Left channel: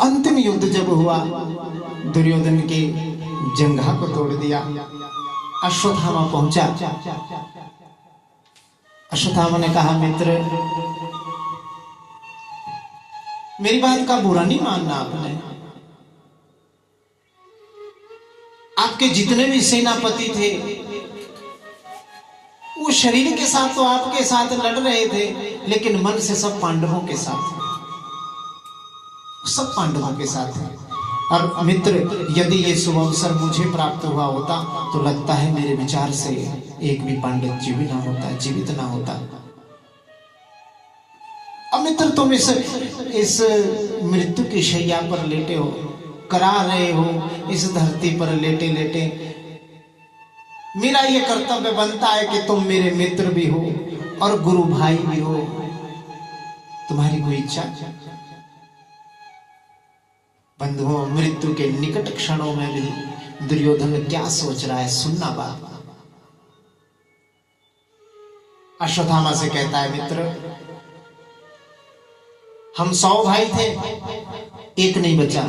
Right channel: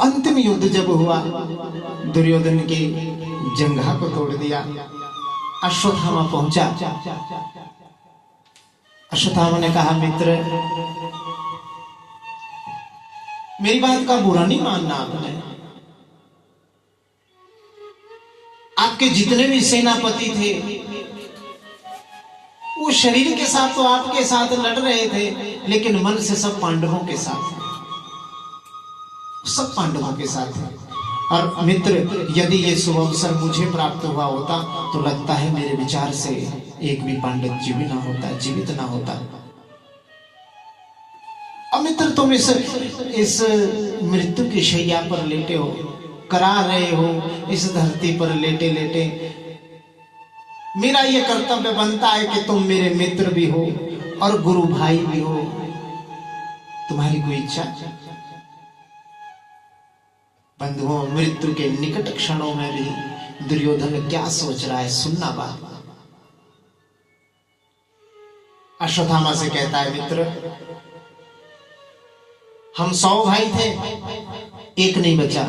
अंतिम युद्ध जब हुआ, दुर्योधन के जंघा को तोड़ दिया। अश्वत्थामा पहुंचा। अश्वत्थामा ने कहा, मित्र मेरी बात का बुरा नहीं मानना आपने। आपके जितने भी सेनापति थे वो शरीर के साथ तो आपके साथ लड़ रहे थे, लेकिन मन से सब पांडवों के साथ, सब पांडवों के साथ है। और मित्र, यदि ये शुभ अवसर मुझे प्राप्त हुआ होता तो लगता है मेरे विचार से एक भी पांडव जीवित ना होता। अब मित्र, तुम इस मृत्यु की शैया पर लेटे हो, करा रहे हो इस धरती पर लेटे लेटे। मेरा ये कर्तव्य बनता है कि तुम मेरे मित्र भी हो और गुरु भाई भी हो। तुम्हारी कोई इच्छा? बंधुओं, मृत्यु के निकट क्षणों में भी दुर्योधन क्या सोच रहा है, सुनना बात। अश्वत्थामा से कहता है, मित्र हम 100 भाई थे, एक नहीं बचा,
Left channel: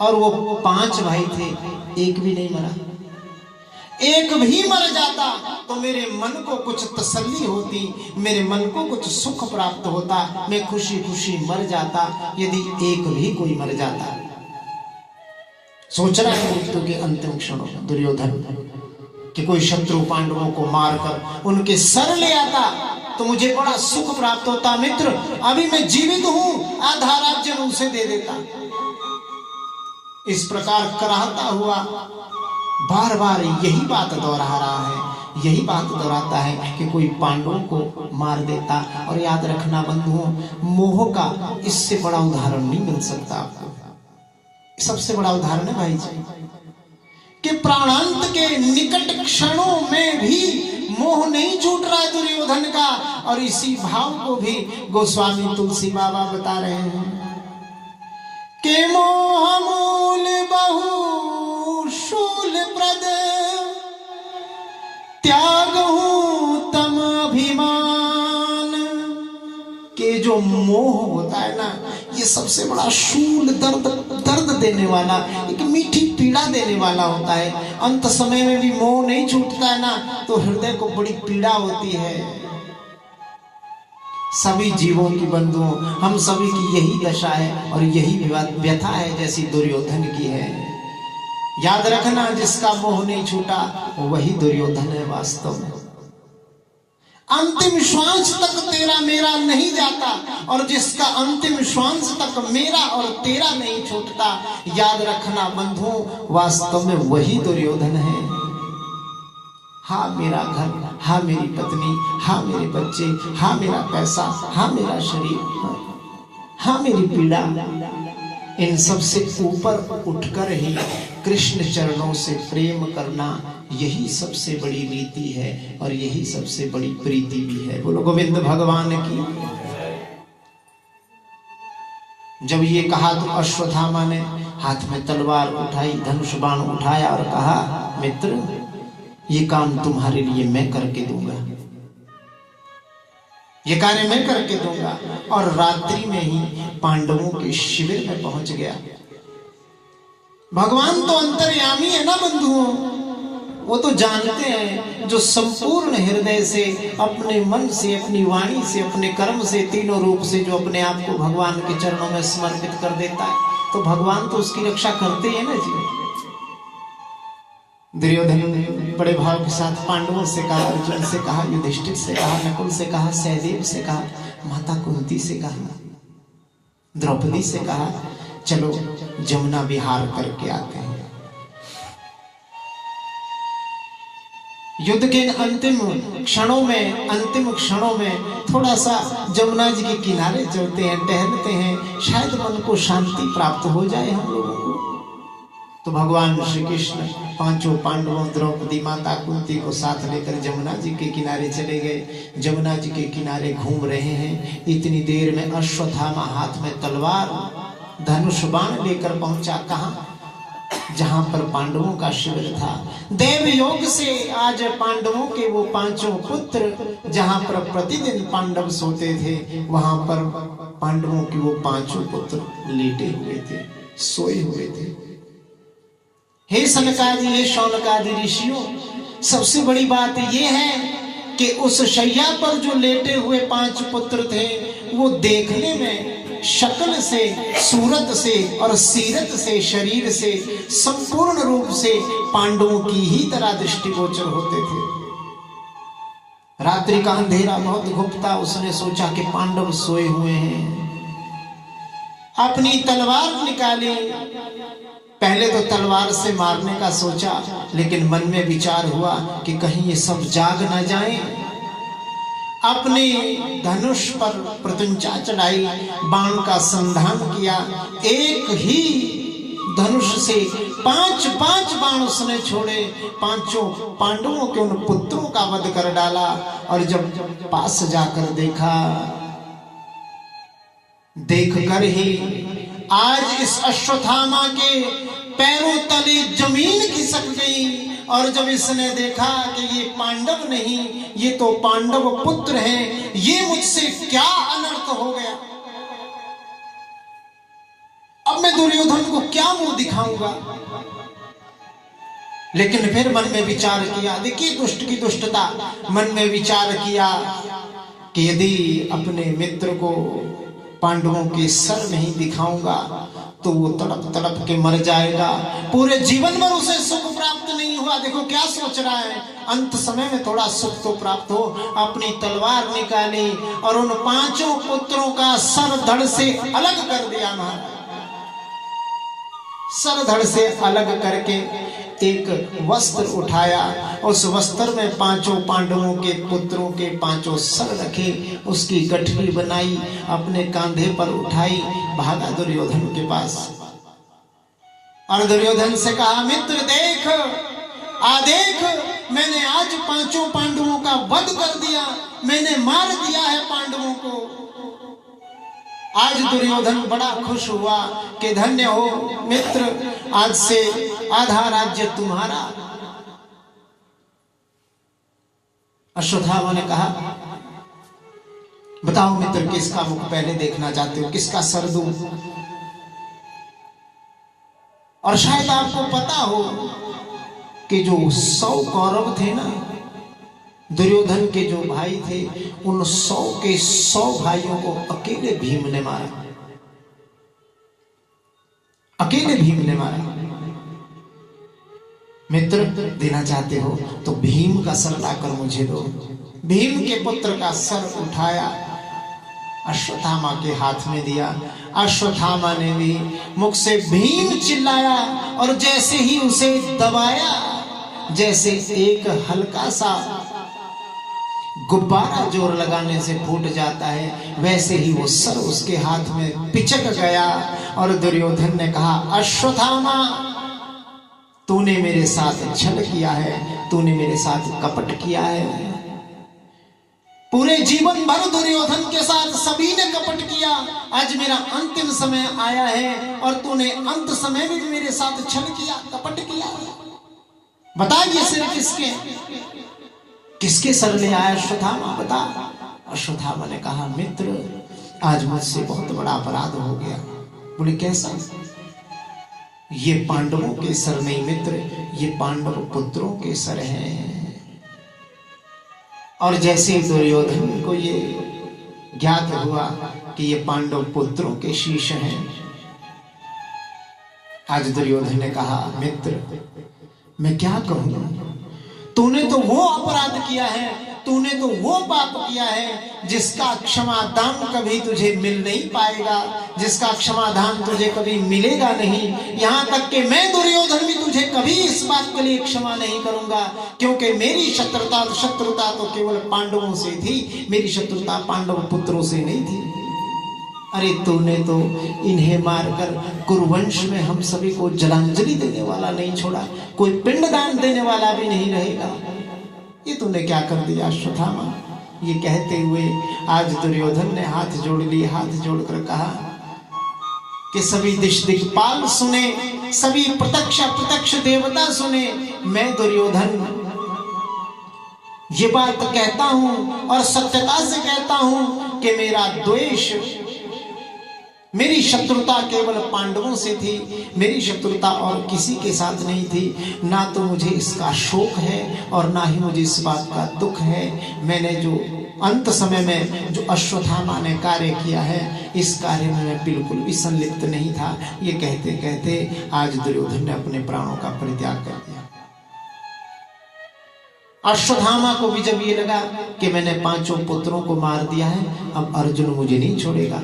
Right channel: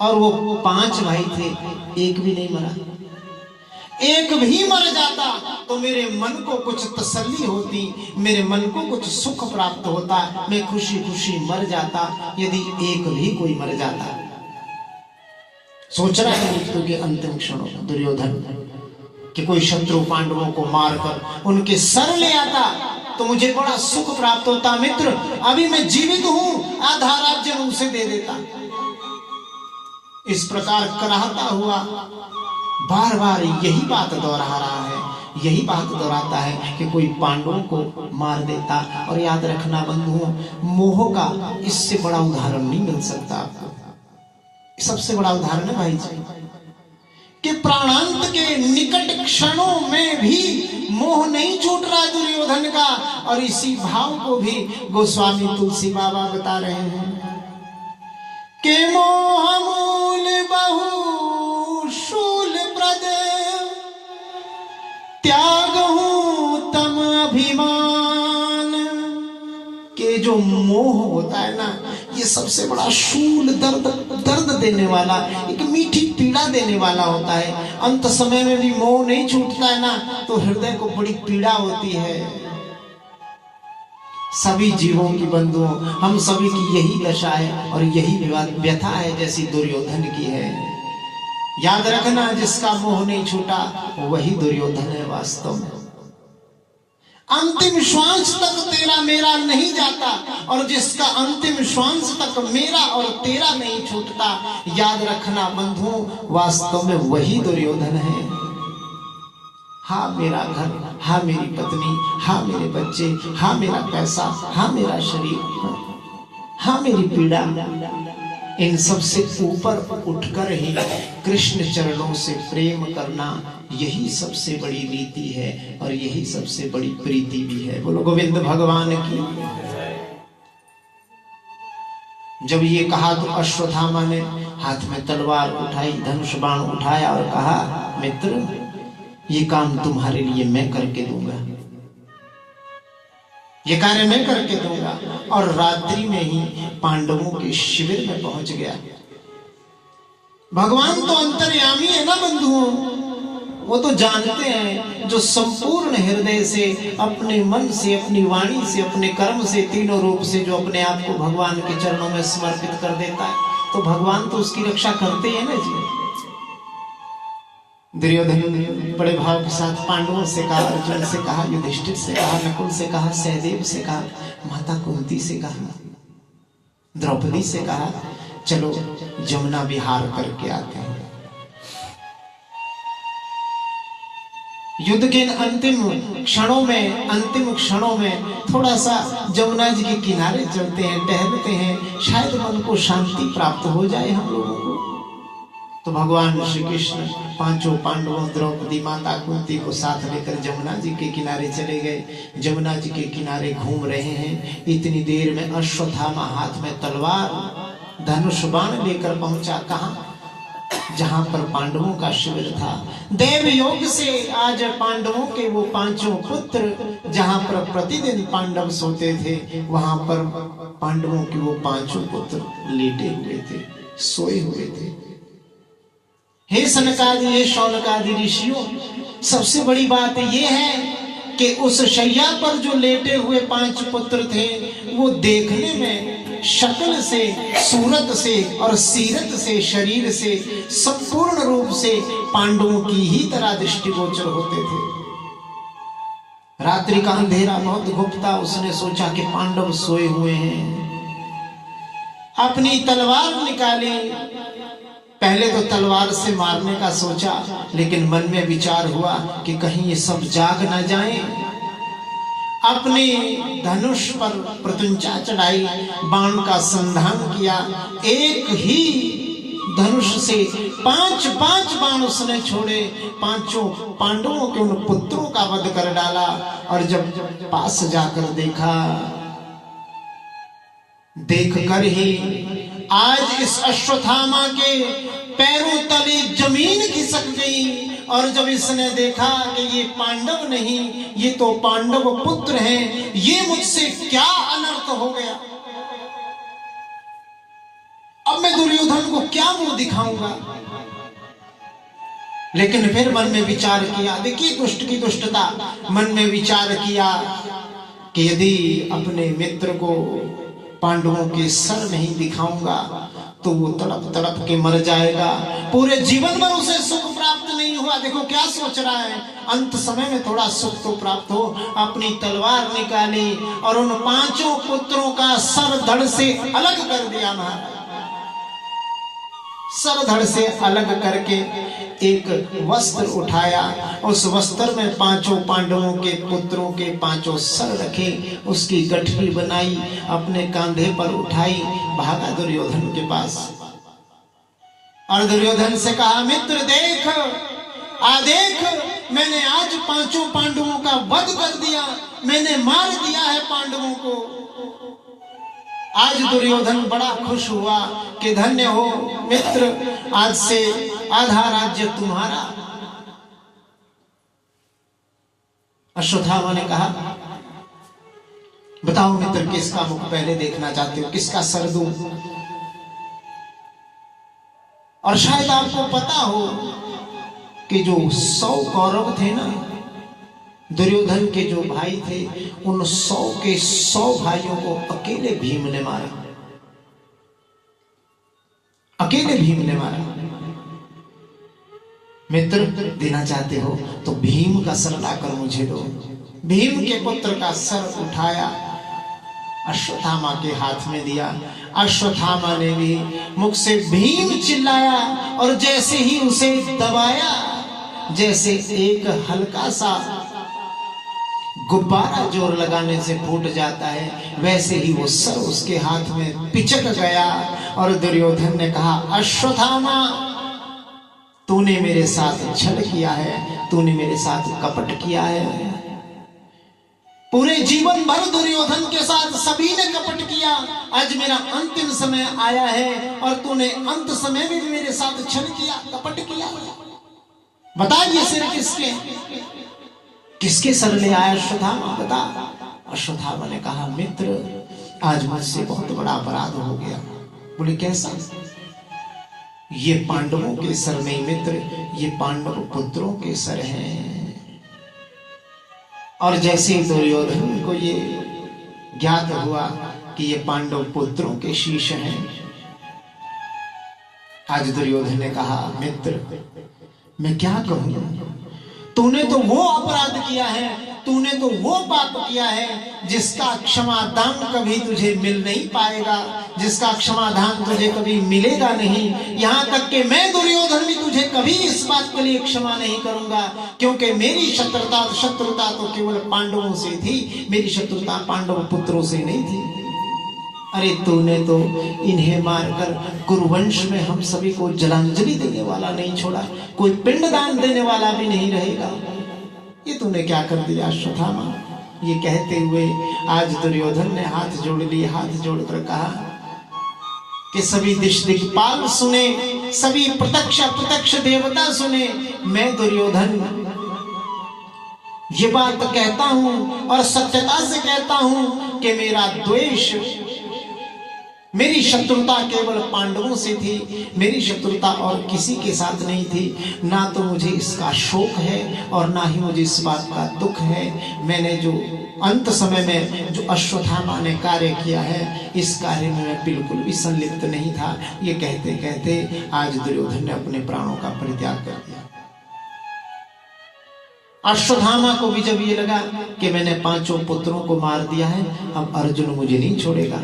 और वो 5 भाई थे, एक भी नहीं मरा। एक भी मर जाता तो मेरे मन को कुछ तसल्ली होती, मेरे मन को कुछ सुख प्राप्त होता, मैं खुशी खुशी मर जाता यदि एक भी कोई मर जाता। सोच रहा है मृत्यु के अंतिम क्षणों में दुर्योधन कि कोई शत्रु पांडवों को मारकर उनके सर ले आता तो मुझे बड़ा सुख प्राप्त होता। मित्र, अभी मैं जीवित हूं, आधा राज्य में उसे दे देता। इस प्रकार कराहता हुआ बार बार यही बात दोहरा रहा है, यही बात दोहराता है कि कोई पांडवों को मार देता। और याद रखना बंधुओं, मोह का इससे बड़ा उदाहरण नहीं मिल सकता आपको। सबसे बड़ा उदाहरण है भाई जी कि प्राणांत के निकट क्षणों में भी मोह नहीं छूट रहा दुर्योधन का। और इसी भाव को भी गोस्वामी तुलसी बाबा बता रहे हैं कि मोह मूल बहु शूल प्रद त्याग हूं तम अभिमान। के जो मोह होता है ना, ये सबसे बड़ा शूल, दर्द देने वाला, एक मीठी पीड़ा देने वाला होता है। अंत समय में भी मोह नहीं छूटता है ना, तो हृदय को बड़ी पीड़ा होती है। सभी जीवों की बंधुओं, हम सभी की यही दशा है और यही व्यथा है जैसी दुर्योधन की है। याद रखना, जिसका मोह नहीं छूटा वही दुर्योधन है वास्तव में। अंतिम श्वास तक तेरा मेरा नहीं जाता, और जिसका अंतिम श्वास तक मेरा और तेरा नहीं छूटता, याद रखना बंधुओं, वास्तव में वही दुर्योधन है। हाँ मेरा घर, हाँ मेरी पत्नी, हाँ मेरे बच्चे, हाँ मेरा पैसा, हाँ मेरा शरीर, हाँ मेरी पीड़ा, इन सब से ऊपर उठकर ही कृष्ण चरणों से प्रेम करना, यही सबसे बड़ी रीति है और यही सबसे बड़ी प्रीति भी है। बोलो गोविंद भगवान की। जब ये कहा तो अश्वत्थामा ने हाथ में तलवार उठाई, धनुष बाण उठाया और कहा, मित्र ये काम तुम्हारे लिए मैं करके दूंगा, ये कार्य मैं करके दूंगा। और रात्रि में ही पांडवों के शिविर में पहुंच गया। भगवान तो अंतर्यामी है ना बंधुओं, वो तो जानते हैं। जो संपूर्ण हृदय से, अपने मन से, अपनी वाणी से, अपने कर्म से, तीनों रूप से जो अपने आप को भगवान के चरणों में समर्पित कर देता है, तो भगवान तो उसकी रक्षा करते हैं ना जी। दुर्योधन बड़े भाव के साथ पांडवों से कहा, अर्जुन से कहा, युधिष्ठिर से कहा, नकुल से कहा, सहदेव से कहा, माता कुंती से कहा, द्रौपदी से कहा, चलो जमुना विहार करके आते हैं। युद्ध के अंतिम क्षणों में थोड़ा सा जमुना जी के किनारे चलते हैं, टहलते हैं, शायद मन को शांति प्राप्त हो जाए हम लोगों को। तो भगवान श्री कृष्ण 5 पांडवों, द्रौपदी माता कुंती को साथ लेकर जमुना जी के किनारे चले गए। जमुना जी के किनारे घूम रहे हैं। इतनी देर में अश्वत्थामा हाथ में तलवार, धनुष बाण लेकर पहुंचा। कहां? जहां पर पांडवों का शिविर था। देव योग से आज पांडवों के वो पांचों पुत्र, जहां पर प्रतिदिन पांडव सोते थे, वहां पर पांडवों के वो पांचों पुत्र लेटे हुए थे, सोए हुए थे। हे सनकादि, हे शौनकादि ऋषियों, सबसे बड़ी बात यह है कि उस शैया पर जो लेटे हुए पांच पुत्र थे, वो देखने में शक्ल से, सूरत से और सीरत से, शरीर से संपूर्ण रूप से पांडवों की ही तरह दृष्टिगोचर होते थे। रात्रि का अंधेरा बहुत गुप्ता, उसने सोचा कि पांडव सोए हुए हैं। अपनी तलवार निकाली, पहले तो तलवार से मारने का सोचा, लेकिन मन में विचार हुआ कि कहीं ये सब जाग न जाएं। अपने धनुष पर प्रत्यंचा चढ़ाई, बाण का संधान किया। एक ही धनुष से 5-5 बाण उसने छोड़े, पांचों पांडवों के उन पुत्रों का वध कर डाला। और जब पास जाकर देखा, देखकर ही आज इस अश्वत्थामा के पैरों तले जमीन खिसक गई। और जब इसने देखा कि ये पांडव नहीं, ये तो पांडव पुत्र हैं, ये मुझसे क्या अनर्थ हो गया, अब मैं दुर्योधन को क्या मुंह दिखाऊंगा। लेकिन फिर मन में विचार किया, देखिए दुष्ट की दुष्टता, मन में विचार किया कि यदि अपने मित्र को पांडवों के सर नहीं दिखाऊंगा तो वो तड़प तड़प के मर जाएगा, पूरे जीवन में उसे सुख प्राप्त नहीं हुआ। देखो क्या सोच रहा है, अंत समय में थोड़ा सुख तो प्राप्त हो। अपनी तलवार निकाली और उन पांचों पुत्रों का सर धड़ से अलग कर दिया। महाराज सर धड़ से अलग करके एक वस्त्र उठाया, उस वस्त्र में पांचों पांडवों के पुत्रों के पांचों सर रखे, उसकी गठरी बनाई, अपने कांधे पर उठाई, भागा दुर्योधन के पास। और दुर्योधन से कहा, मित्र देख, देख, मैंने आज पांचों पांडवों का वध कर दिया, मैंने मार दिया है पांडवों को। आज दुर्योधन बड़ा खुश हुआ कि धन्य हो मित्र, आज से आधा राज्य तुम्हारा। अश्वत्थामा ने कहा, बताओ मित्र, किसका मुख पहले देखना चाहते हो, किसका सर दूं? और शायद आपको पता हो कि जो 100 कौरव थे ना, दुर्योधन के जो भाई थे, उन 100 के 100 भाइयों को अकेले भीम ने मारा, अकेले भीम ने मारा। मित्र देना चाहते हो तो भीम का सर लाकर मुझे दो। भीम के पुत्र का सर उठाया, अश्वत्थामा के हाथ में दिया। अश्वत्थामा ने भी मुख से भीम चिल्लाया, और जैसे ही उसे दबाया, जैसे एक हल्का सा गुब्बारा जोर लगाने से फूट जाता है, वैसे ही वो सर उसके हाथ में पिचक गया। और दुर्योधन ने कहा, अश्वत्थामा, तूने मेरे साथ छल किया है, तूने मेरे साथ कपट किया है। पूरे जीवन भर दुर्योधन के साथ सभी ने कपट किया, आज मेरा अंतिम समय आया है और तूने अंत समय में भी मेरे साथ छल किया, कपट किया। बता ये सिर किसके, किसके सर ले आया अश्वत्थामा, बता। अश्वत्थामा ने कहा, मित्र आज मुझसे बहुत बड़ा अपराध हो गया। बोले कैसा? ये पांडवों के सर नहीं मित्र, ये पांडव पुत्रों के सर हैं। और जैसे दुर्योधन को ये ज्ञात हुआ कि ये पांडव पुत्रों के शीश हैं, आज दुर्योधन ने कहा, मित्र मैं क्या कहूं, तूने तो वो अपराध किया है, तूने तो वो पाप किया है जिसका क्षमादान कभी तुझे मिल नहीं पाएगा, जिसका क्षमादान तुझे कभी मिलेगा नहीं। यहाँ तक कि मैं दुर्योधन भी तुझे कभी इस बात के लिए क्षमा नहीं करूंगा, क्योंकि मेरी शत्रुता तो केवल पांडवों से थी, मेरी शत्रुता पांडव पुत्रों से नहीं थी। अरे तूने तो इन्हें मारकर कुरुवंश में हम सभी को जलांजलि देने वाला नहीं छोड़ा, कोई पिंडदान देने वाला भी नहीं रहेगा। ये तूने क्या कर दिया अश्वत्थामा? ये कहते हुए आज दुर्योधन ने हाथ जोड़ लिए, हाथ जोड़कर कहा, कि सभी दिश दिक्पाल सुने, सभी प्रत्यक्ष अप्रत्यक्ष देवता सुने, मैं दुर्योधन ये बात कहता हूं और सत्यता से कहता हूं कि मेरा द्वेष, मेरी शत्रुता केवल पांडवों से थी, मेरी शत्रुता और किसी के साथ नहीं थी। ना तो मुझे इसका शोक है और ना ही मुझे इस बात का दुख है। मैंने जो अंत समय में जो अश्वत्थामा ने कार्य किया है, इस कार्य में मैं बिल्कुल भी संलिप्त नहीं था। ये कहते कहते आज दुर्योधन ने अपने प्राणों का परित्याग कर दिया। अश्वत्थामा को भी जब ये लगा कि मैंने 5 पुत्रों को मार दिया है, अब अर्जुन मुझे नहीं छोड़ेगा,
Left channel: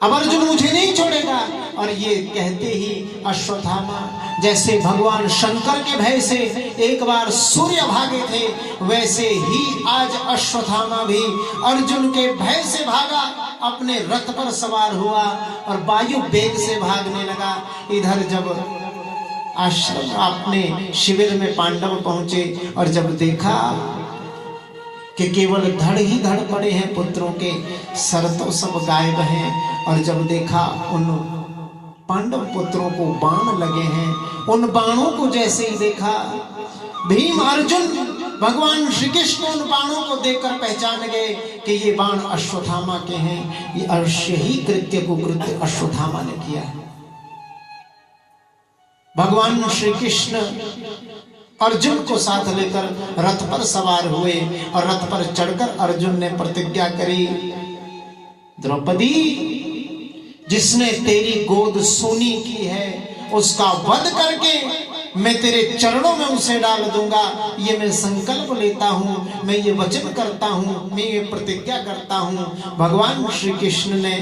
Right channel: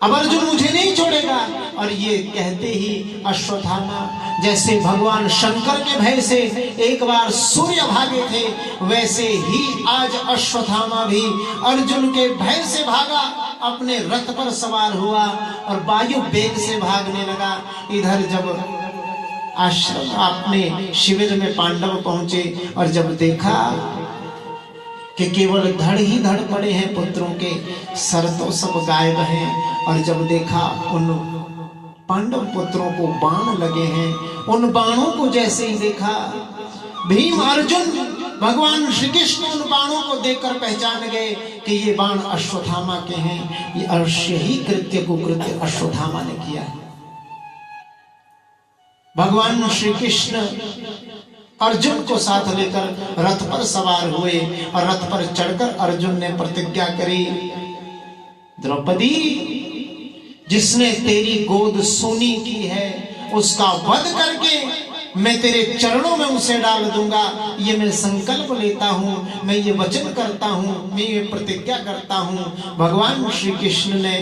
अब अर्जुन मुझे नहीं छोड़ेगा। और ये कहते ही अश्वत्थामा जैसे भगवान शंकर के भय से एक बार सूर्य भागे थे, वैसे ही आज अश्वत्थामा भी अर्जुन के भय से भागा, अपने रथ पर सवार हुआ और वायु वेग से भागने लगा। इधर जब आश्रम अपने शिविर में पांडव पहुंचे और जब देखा कि केवल धड़ ही धड़ पड़े हैं पुत्रों के, सर तो सब गायब हैं, और जब देखा उन पांडव पुत्रों को बाण लगे हैं, उन बाणों को जैसे ही देखा, भीम अर्जुन भगवान श्री कृष्ण उन बाणों को देखकर पहचान गए कि ये बाण अश्वत्थामा के हैं। ये अवश्य ही कृत्य अश्वत्थामा ने किया है। भगवान श्री कृष्ण अर्जुन को साथ लेकर रथ पर सवार हुए और रथ पर चढ़कर अर्जुन ने प्रतिज्ञा करी, द्रौपदी जिसने तेरी गोद सूनी की है उसका वध करके मैं तेरे चरणों में उसे डाल दूंगा। ये मैं संकल्प लेता हूं, मैं ये वचन करता हूं, मैं ये प्रतिज्ञा करता हूं। भगवान श्री कृष्ण ने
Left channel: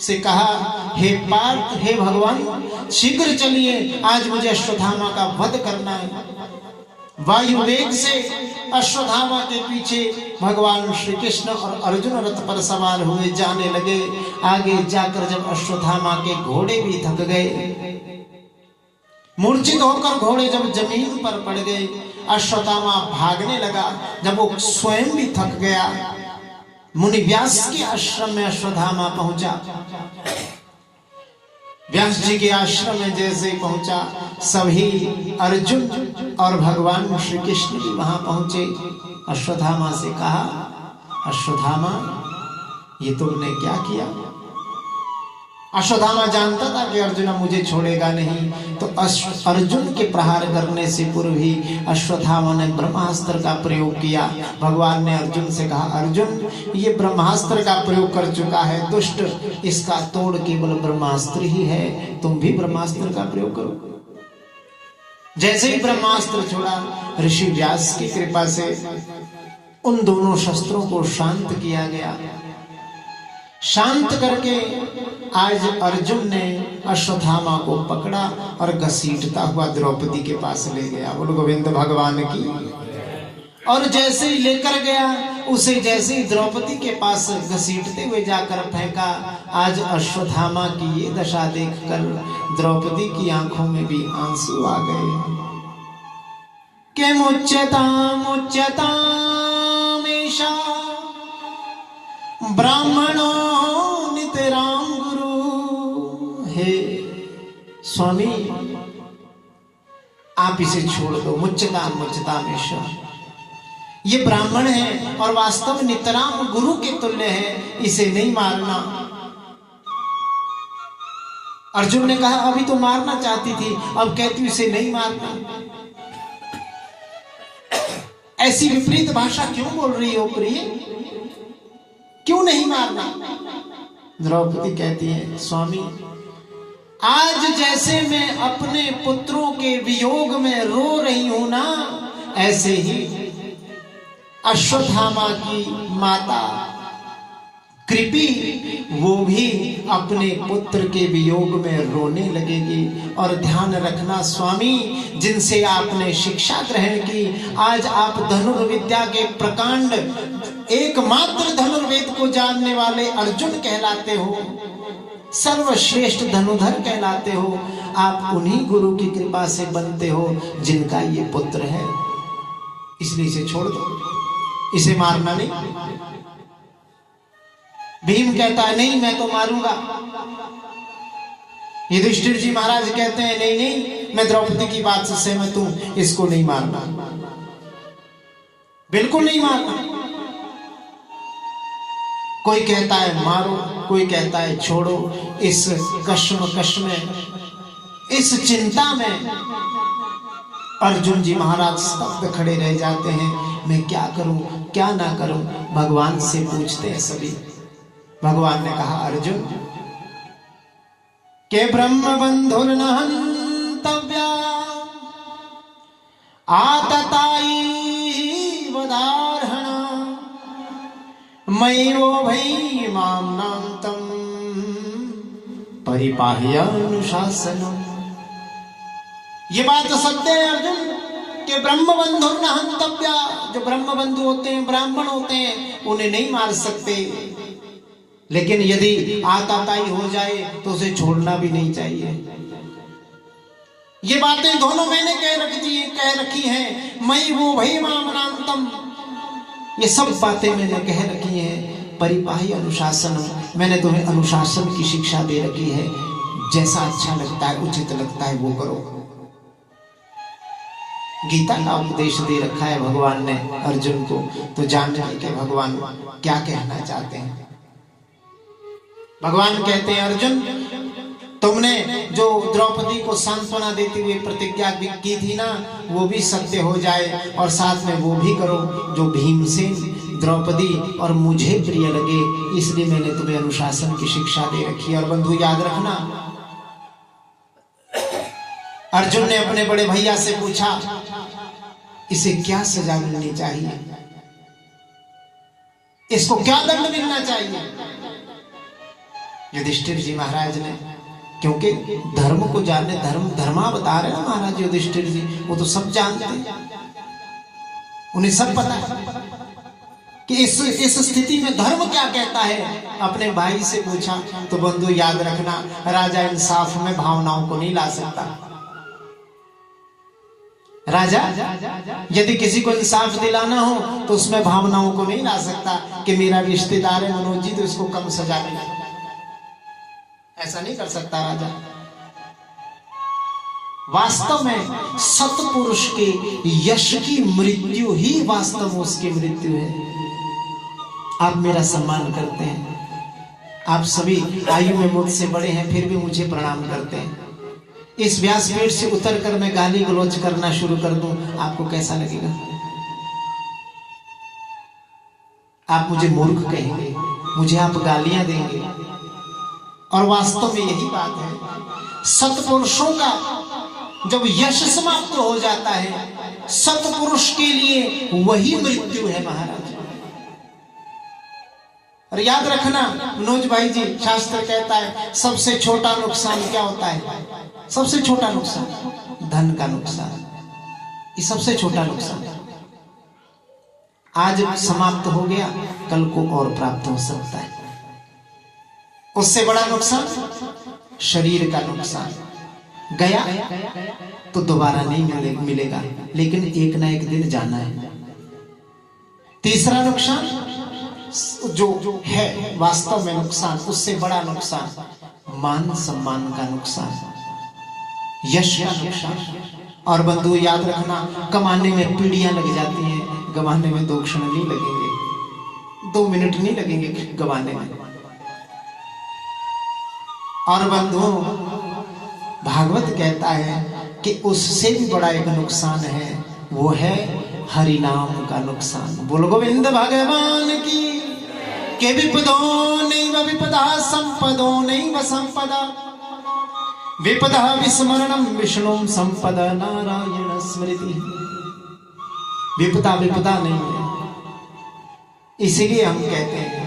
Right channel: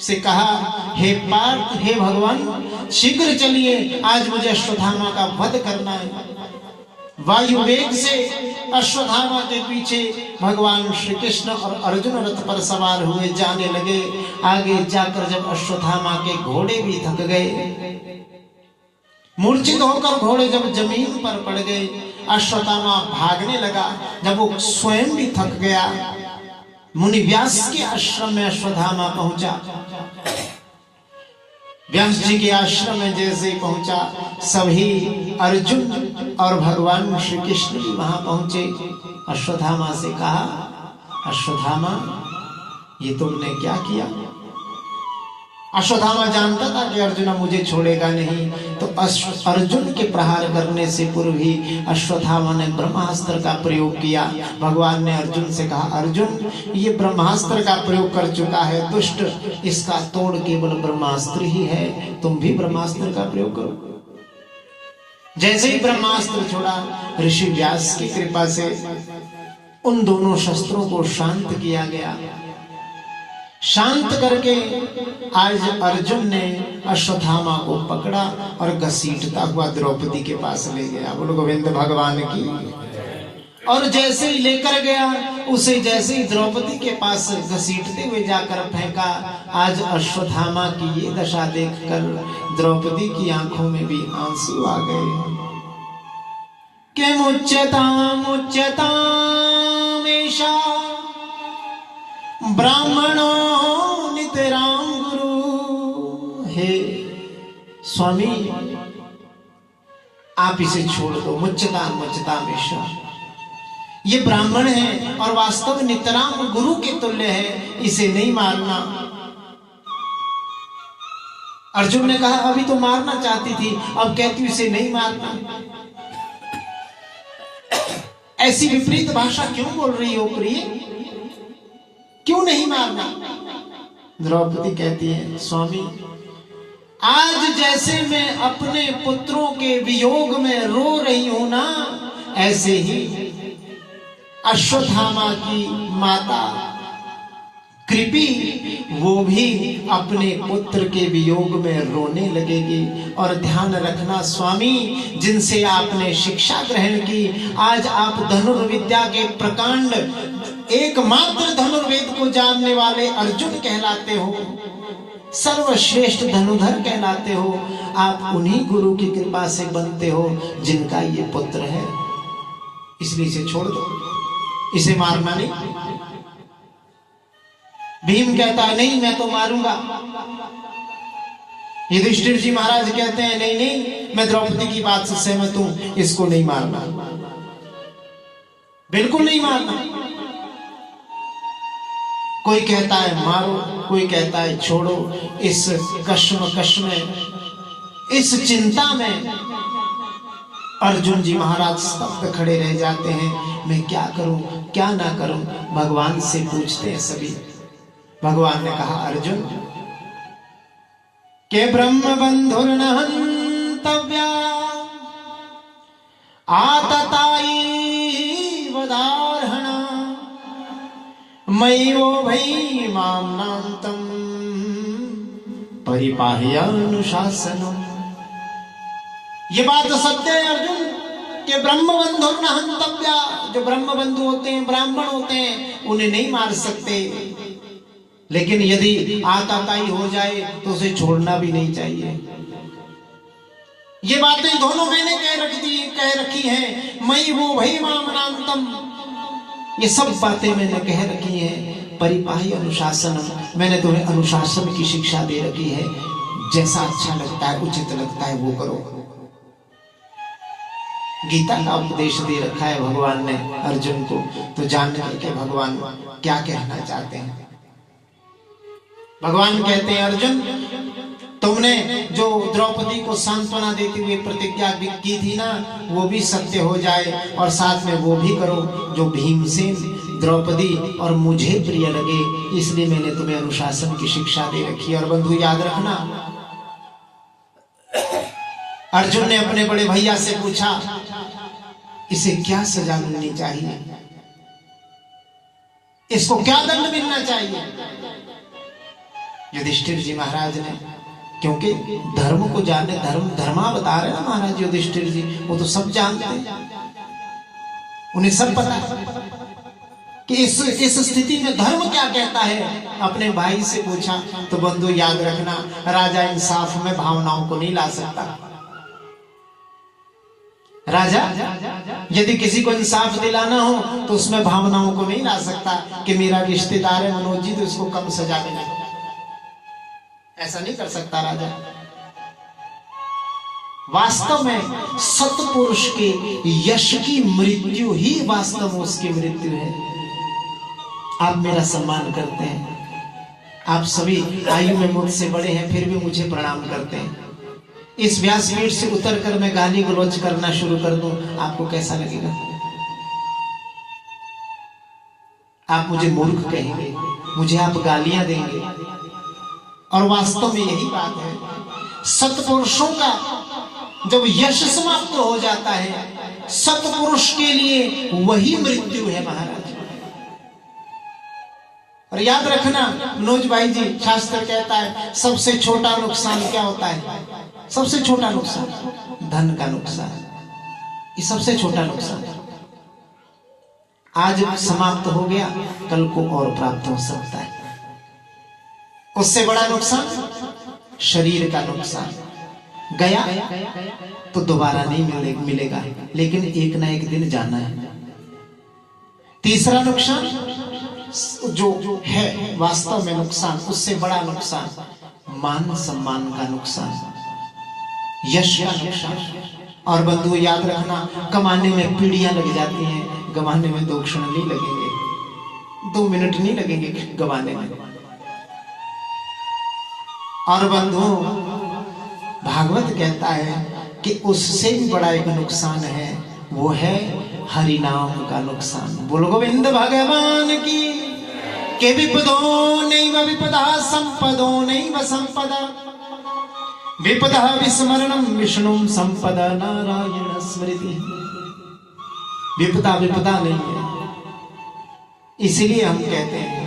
से कहा, हे पार्थ, हे भगवान शीघ्र चलिए, आज मुझे अश्वत्थामा का वध करना है। वायु वेग से अश्वत्थामा के पीछे भगवान श्री कृष्ण और अर्जुन रथ पर सवार हुए जाने लगे। आगे जाकर जब अश्वत्थामा के घोड़े भी थक गए, मूर्छित होकर घोड़े जब जमीन पर पड़ गए, अश्वत्थामा भागने लगा। जब वो स्वयं भी थक गया, मुनि व्यास के आश्रम में अश्वत्थामा पहुंचा। व्यास जी के आश्रम में जैसे पहुंचा, सभी अर्जुन और भगवान श्री कृष्ण भी वहां पहुंचे। अश्वत्थामा से कहा, अश्वत्थामा ये तुमने क्या किया? अश्वत्थामा जानता था कि अर्जुन मुझे छोड़ेगा नहीं, तो अर्जुन के प्रहार करने से पूर्व ही अश्वत्थामा ने ब्रह्मास्त्र का प्रयोग किया। भगवान ने अर्जुन से कहा, अर्जुन ये ब्रह्मास्त्र का प्रयोग कर चुका है दुष्ट, इसका तोड़ केवल ब्रह्मास्त्र ही है, तुम भी ब्रह्मास्त्र का प्रयोग करो। जैसे ही ब्रह्मास्त्र छोड़ा, ऋषि व्यास की कृपा से उन दोनों शस्त्रों को शांत किया गया। शांत करके आज अर्जुन ने अश्वत्थामा को पकड़ा और घसीटता हुआ द्रौपदी के पास ले गया। बोलो गोविंद भगवान की। और जैसे ही लेकर गया, उसे जैसे ही द्रौपदी के पास घसीटते हुए जाकर फेंका। आज अश्वत्थामा की ये दशा देखकर द्रौपदी की आंखों में भी आंसू आ गए। के मुच्यताम मुच्यताम ऐशा ब्राह्मणों नितराम गुरु। हे स्वामी आप इसे छोड़ दो, मुच्यताम मुच्यताम ऐशा, ये ब्राह्मण है और वास्तव नितराम गुरु के तुल्य है, इसे नहीं मारना। अर्जुन ने कहा, अभी तो मारना चाहती थी, अब कहती हूं इसे नहीं मारना। ऐसी विपरीत भाषा क्यों बोल रही हो प्रिय, क्यों नहीं मारना? द्रौपदी कहती है, स्वामी आज जैसे मैं अपने पुत्रों के वियोग में रो रही हूं ना, ऐसे ही अश्वत्थामा की माता कृपी वो भी अपने पुत्र के वियोग में रोने लगेगी। और ध्यान रखना स्वामी, जिनसे आपने शिक्षा ग्रहण की, आज आप धनुर्विद्या के प्रकांड एकमात्र धनुर्वेद को जानने वाले अर्जुन कहलाते हो, सर्वश्रेष्ठ धनुधर कहलाते हो। आप उन्हीं गुरु की कृपा से बनते हो जिनका ये पुत्र है, इसलिए इसे छोड़ दो, इसे मारना नहीं। भीम कहता है नहीं मैं तो मारूंगा। युधिष्ठिर जी महाराज कहते हैं नहीं नहीं, मैं द्रौपदी की बात से सहमत हूं, इसको नहीं मारना, बिल्कुल नहीं मारना। कोई कहता है मारो, कोई कहता है छोड़ो। इस कश्मकश में, इस चिंता में अर्जुन जी महाराज स्तब्ध खड़े रह जाते हैं। मैं क्या करूं, क्या ना करूं, भगवान से पूछते हैं सभी। भगवान ने कहा अर्जुन के ब्रह्म बंधुर्न हन्तव्या आतताई वदार्हण मय्यो भई मामनांतम परिपाह्य अनुशासनम। ये बात सत्य है अर्जुन कि ब्रह्म बंधु न हंतव्या, जो ब्रह्म बंधु होते हैं, ब्राह्मण होते हैं, उन्हें नहीं मार सकते, लेकिन यदि आताताई हो जाए तो उसे छोड़ना भी नहीं चाहिए। ये बातें दोनों मैंने कह रखी हैं। मई वो भई मामनांतम, ये सब बातें मैंने कह रखी हैं। परिपाही अनुशासनम, मैंने तुम्हें अनुशासन की शिक्षा दे रखी है। जैसा अच्छा लगता है, उचित लगता है वो करो। गीता का उपदेश दे रखा है भगवान ने अर्जुन को, तो जानने के भगवान क्या कहना चाहते हैं। भगवान कहते हैं अर्जुन, तुमने जो द्रौपदी को सांत्वना देते हुए प्रतिज्ञा की थी ना, वो भी सत्य हो जाए, और साथ में वो भी करो जो भीमसेन, द्रौपदी और मुझे प्रिय लगे। इसलिए मैंने तुम्हें अनुशासन की शिक्षा दे रखी है। और बंधु याद रखना, अर्जुन ने अपने बड़े भैया से पूछा इसे क्या सजा मिलनी चाहिए, इसको क्या दंड मिलना चाहिए। युधिष्ठिर जी महाराज ने, क्योंकि धर्म को जानने, धर्मावतार है ना महाराज युधिष्ठिर जी, वो तो सब जानते हैं, उन्हें सब पता है कि इस स्थिति में धर्म क्या कहता है। अपने भाई से पूछा तो बंधु याद रखना, राजा इंसाफ में भावनाओं को नहीं ला सकता। राजा यदि किसी को इंसाफ दिलाना हो तो उसमें भावनाओं को नहीं ला सकता कि मेरा रिश्तेदार है मनोज जी तो इसको कम सजा मिले, ऐसा नहीं कर सकता राजा। वास्तव में सत्पुरुष के यश की मृत्यु ही वास्तव में उसकी मृत्यु है। आप मेरा सम्मान करते हैं, आप सभी आयु में मुझसे बड़े हैं, फिर भी मुझे प्रणाम करते हैं। इस व्यासपीठ से उतरकर मैं गाली गलौज करना शुरू कर दूं, आपको कैसा लगेगा? आप मुझे मूर्ख कहेंगे, मुझे आप गालियां देंगे। और वास्तव में यही बात है, सत्पुरुषों का जब यश समाप्त हो जाता है, सत्पुरुष के लिए वही मृत्यु है महाराज। और याद रखना मनोज भाई जी, शास्त्र कहता है सबसे छोटा नुकसान क्या होता है? सबसे छोटा नुकसान धन का नुकसान, ये सबसे छोटा नुकसान है। आज समाप्त हो गया, कल को और प्राप्त हो सकता है। उससे बड़ा नुकसान शरीर का नुकसान, गया तो दोबारा नहीं मिलेगा, लेकिन एक ना एक दिन जाना है। तीसरा नुकसान जो है वास्तव में नुकसान, उससे बड़ा नुकसान मान सम्मान का नुकसान, यश का नुकसान। और बंधु याद रखना, कमाने में पीढ़ियां लग जाती हैं, गवाने में 2 क्षण नहीं लगेंगे, 2 मिनट नहीं लगेंगे गवाने में। और बंधु भागवत कहता है कि उससे भी बड़ा एक नुकसान है, वो है हरि नाम का नुकसान। बोलो गोविंद भगवान की। के विपदो नैव विपदा संपदो नैव संपदा, विपदा विस्मरणम विष्णु संपदा नारायण स्मृति। विपदा विपदा नहीं है, इसीलिए हम कहते हैं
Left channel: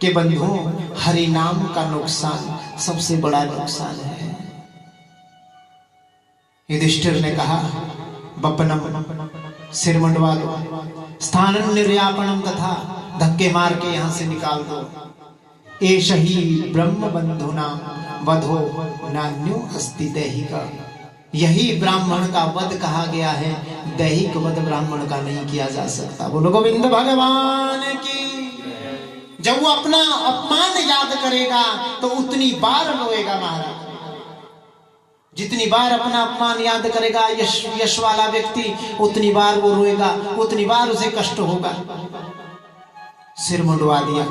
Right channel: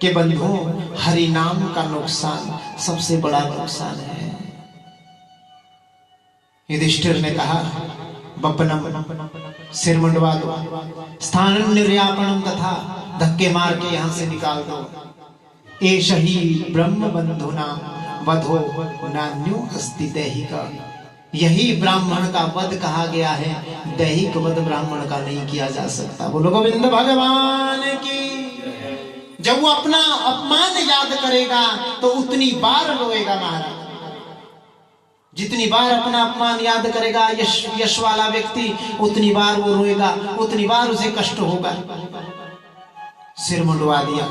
कि बंधुओं हरि नाम का नुकसान सबसे बड़ा नुकसान है। युधिष्ठिर ने कहा बपनम, सिर मुंडवा दो, स्थानम निर्यापणम, तथा धक्के मार के यहां से निकाल दो। एष ही ब्रह्म बंधुना वधो नान्यो अस्ति दैहिका, यही ब्राह्मण का वध कहा गया है, दैहिक वध ब्राह्मण का नहीं किया जा सकता। बोलो गोविंद भगवान की। जब वो अपना अपमान याद करेगा तो उतनी बार रोएगा महाराज। जितनी बार अपना अपमान याद करेगा यश वाला व्यक्ति, उतनी बार वो रोएगा, उतनी बार उसे कष्ट होगा। सिर मुंडवा दिया,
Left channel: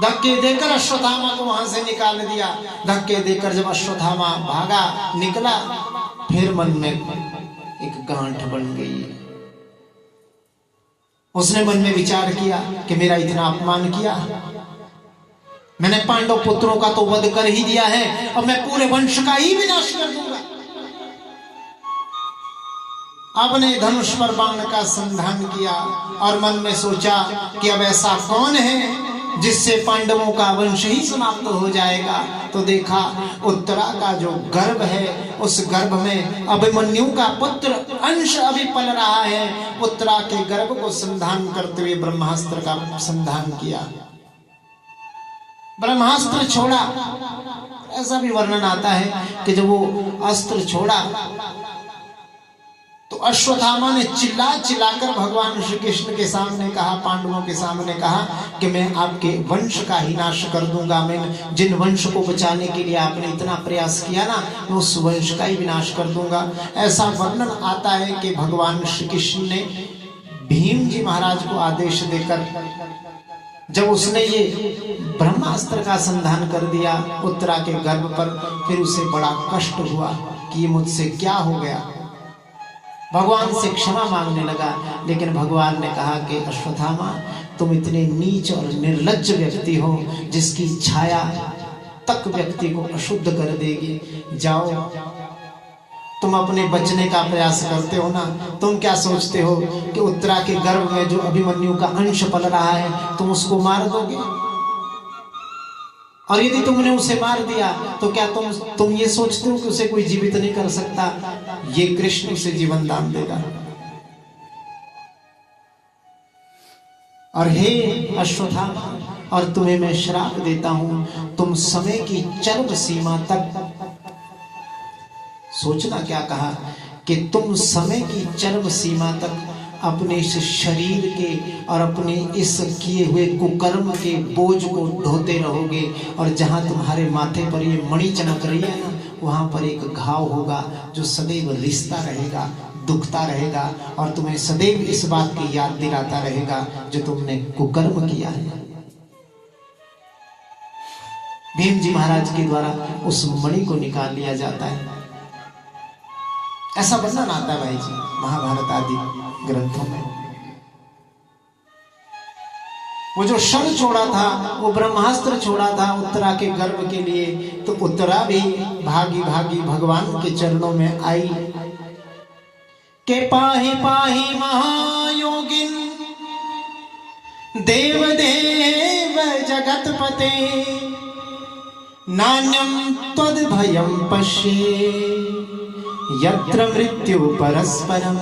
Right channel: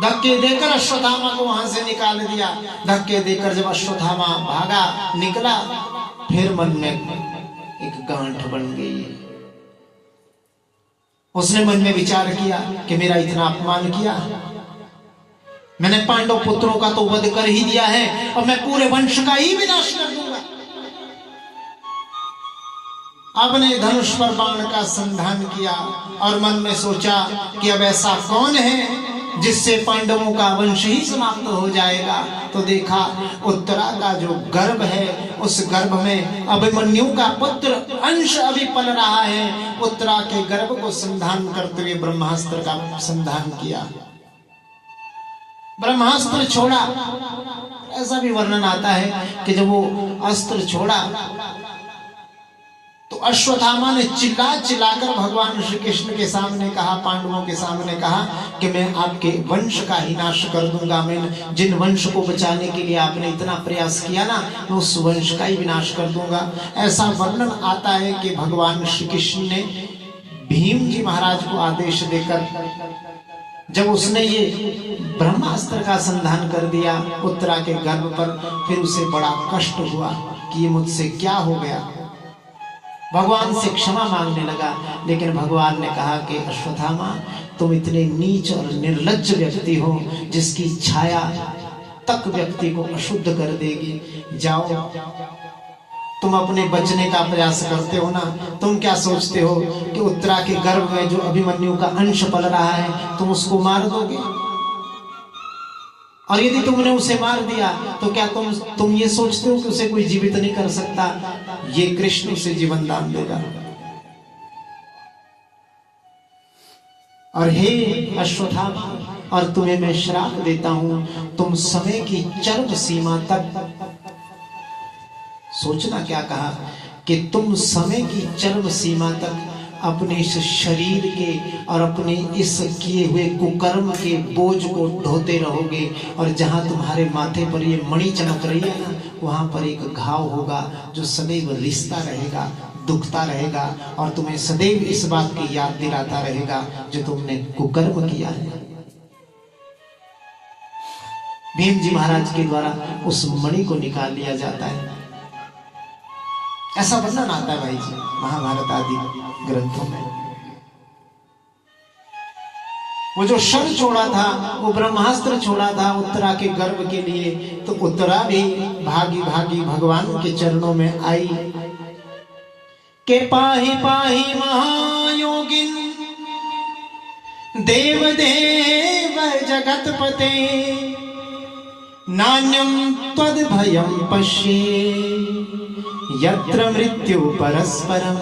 धक्के देकर अश्वत्थामा को वहां से निकाल दिया। धक्के देकर जब अश्वत्थामा भागा निकला, फिर मन में एक गांठ बन गई। उसने मन में विचार किया कि मेरा इतना अपमान किया, मैंने पांडव पुत्रों का तो वध कर ही दिया है, और मैं पूरे वंश का ही विनाश कर दूंगा। आपने धनुष पर बाण का संधान किया और मन में सोचा कि अब ऐसा कौन है जिससे पांडवों का वंश ही समाप्त हो जाएगा। तो देखा उत्तरा का जो गर्भ है, उस गर्भ में अभिमन्यु का पुत्र अंश अभी पल रहा है। उत्तरा के गर्भ को संधान करते हुए ब्रह्मास्त्र का संधान किया, ब्रह्मास्त्र छोड़ा। ऐसा भी वर्णन आता है कि जब वो अस्त्र छोड़ा तो अश्वत्थामा ने चिल्ला चिल्लाकर भगवान श्री कृष्ण के सामने कहा, पांडवों के सामने कहा कि मैं आपके वंश का ही नाश कर दूंगा। मैं जिन वंश को बचाने के लिए आपने इतना प्रयास किया ना, मैं उस वंश का ही विनाश कर दूंगा। ऐसा वर्णन आता है कि भगवान श्री कृष्ण ने भीम जी महाराज को आदेश देकर जब उसने ये ब्रह्मास्त्र का संधान कर दिया उत्तरा के गर्भ पर, फिर उसे बड़ा कष्ट हुआ कि ये मुझसे क्या हो गया। भगवान से क्षमा मांगने लगा, लेकिन भगवान ने कहा कि अश्वत्थामा, तुम इतने नीच और निर्लज्ज व्यक्ति हो जिसकी छाया तक व्यक्ति को अशुद्ध कर देगी। जाओ, तुम अपने बचने का प्रयास करते हो ना, तुम क्या सोचते हो कि उत्तरा के गर्भ में जो अभिमन्यु का अंश पल रहा है तुम उसको मार दोगे? और यदि तुमने उसे मार दिया तो क्या तुम ये सोचते हो कि उसे कोई जीवित नहीं कर सकता? ये कृष्ण उसे जीवन दान देगा। और हे अश्वत्थामा, और तुम्हें मैं श्राप देता हूं, तुम समय की चरम सीमा तक, सोचना क्या कहा कि तुम समय की चरम सीमा तक अपने इस शरीर के और अपने इस किए हुए कुकर्म के बोझ को ढोते रहोगे। और जहां तुम्हारे माथे पर ये मणि चमक रही है ना, वहां पर एक घाव होगा जो सदैव रिश्ता रहेगा, दुखता रहेगा, और तुम्हें सदैव इस बात की याद दिलाता रहेगा जो तुमने कुकर्म किया है। भीम जी महाराज के द्वारा उस मणि को निकाल लिया जाता है। ऐसा वर्णन आता है भाई जी महाभारत आदि ग्रंथों में। वो जो शर छोड़ा था, वो ब्रह्मास्त्र छोड़ा था उत्तरा के गर्भ के लिए, तो उत्तरा भी भागी भागी भगवान के चरणों में आई के पाहि पाहि महायोगिन देव देव जगतपते नान्यं त्वद् भयं पश्ये यत्र मृत्यु परस्परम।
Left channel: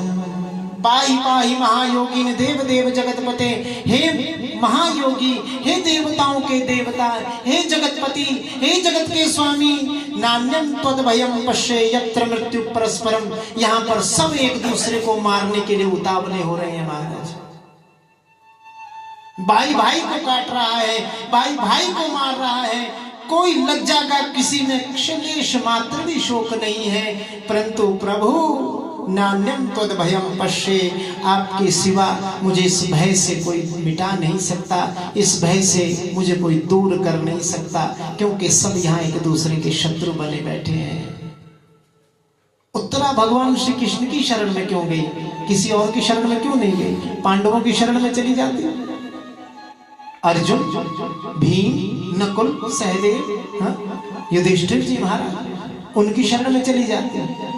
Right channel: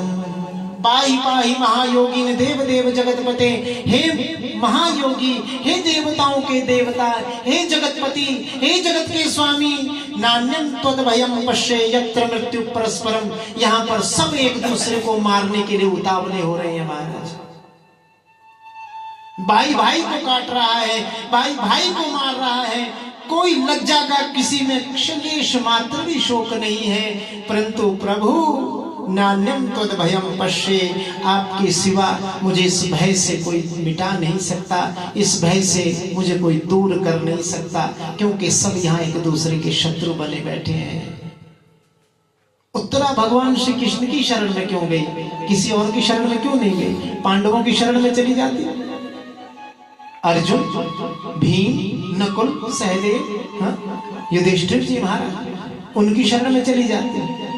पाहि पाहि महायोगी ने देव देव जगतपते, हे महायोगी, हे देवताओं के देवता, हे जगतपति, हे जगत के स्वामी, नान्यं त्वद् भयं पश्ये यत्र मृत्यु परस्परम। यहाँ पर सब एक दूसरे को मारने के लिए उतावले हो रहे हैं महाराज। भाई भाई को काट रहा है, भाई भाई को मार रहा है, कोई लज्जा का किसी में क्षलेश मात्र भी शोक नहीं है। परंतु प्रभु नान्यं त्वद् भयं पश्ये, आपके सिवा मुझे इस भय से कोई मिटा नहीं सकता, इस भय से मुझे कोई दूर कर नहीं सकता, क्योंकि सब यहाँ एक दूसरे के शत्रु बने बैठे हैं। उत्तरा भगवान श्री कृष्ण की शरण में क्यों गई? किसी और की शरण में क्यों नहीं गई? पांडवों की शरण में चली जाती। अर्जुन, भीम, नकुल, सहदेव, युधिष्ठिर जी महाराज, उनकी शरण में चली जाती।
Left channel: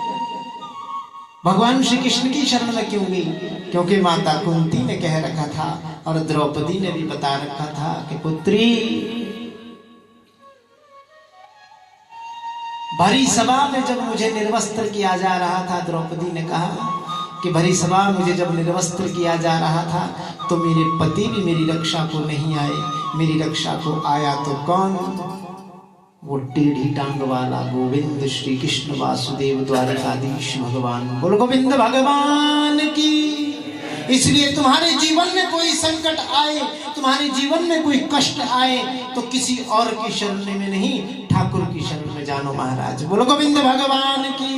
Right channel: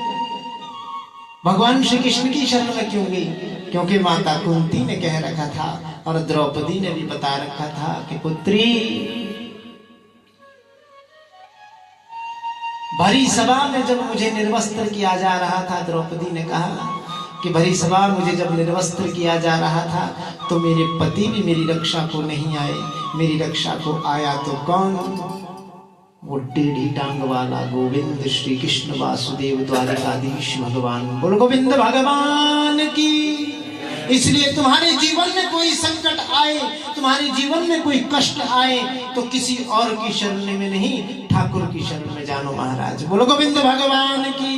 भगवान श्री कृष्ण की शरण में क्यों गई? क्योंकि माता कुंती ने कह रखा था और द्रौपदी ने भी बता रखा था कि पुत्री, भरी सभा में जब मुझे निर्वस्त्र किया जा रहा था, द्रौपदी ने कहा कि भरी सभा मुझे जब निर्वस्त्र किया जा रहा था तो मेरे पति भी मेरी रक्षा को नहीं आए, मेरी रक्षा को आया तो कौन? वो टेढ़ी टांग वाला गोविंद श्री कृष्ण वासुदेव द्वारकाधीश भगवान। बोल गोविंद भगवान की। इसलिए तुम्हारे जीवन में कोई संकट आए, तुम्हारे जीवन में कोई कष्ट आए, तो किसी और की शरण में नहीं, ठाकुर की शरण में जानो महाराज। बोलो गोविंद भगवान की।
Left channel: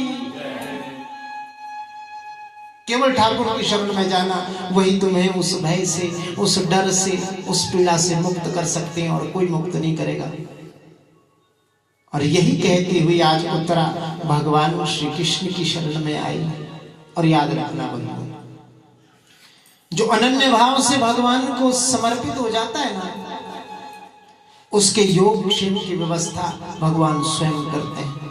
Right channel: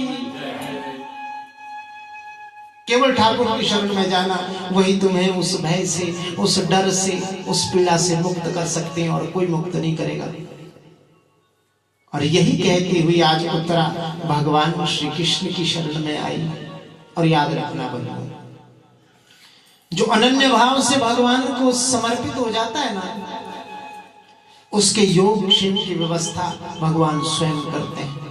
केवल ठाकुर की शरण में जाना, वही तुम्हें उस भय से, उस डर से, उस पीड़ा से मुक्त कर सकते हैं, और कोई मुक्त नहीं करेगा। और यही कहती हुई आज उत्तरा भगवान श्री कृष्ण की शरण में आई। और याद रखना बंधु, जो अनन्य भाव से भगवान को समर्पित हो जाता है ना, उसके योग क्षेम की व्यवस्था भगवान स्वयं करते हैं।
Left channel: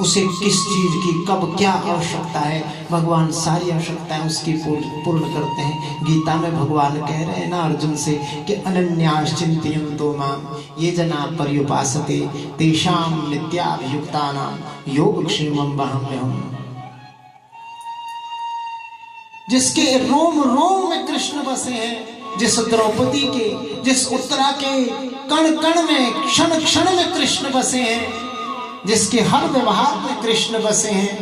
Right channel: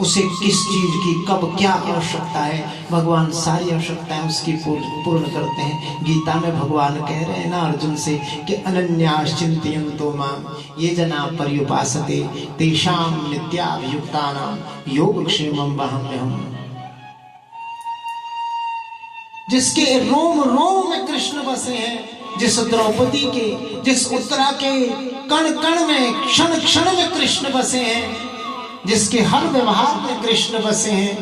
उसे किस चीज की कब क्या आवश्यकता है, भगवान सारी आवश्यकताएं उसकी पूर्ण करते हैं। गीता में भगवान कह रहे हैं ना अर्जुन से कि अनन्यास चिंतयन्तो माम ये जना पर्युपासते तेषां नित्याभियुक्तानां योगक्षेमं वहाम्यहम्। जिसके रोम रोम में कृष्ण बसे हैं, जिस द्रौपदी के, जिस उत्तरा के कण कण में, क्षण क्षण में कृष्ण बसे हैं, जिसके हर व्यवहार में कृष्ण बसे हैं,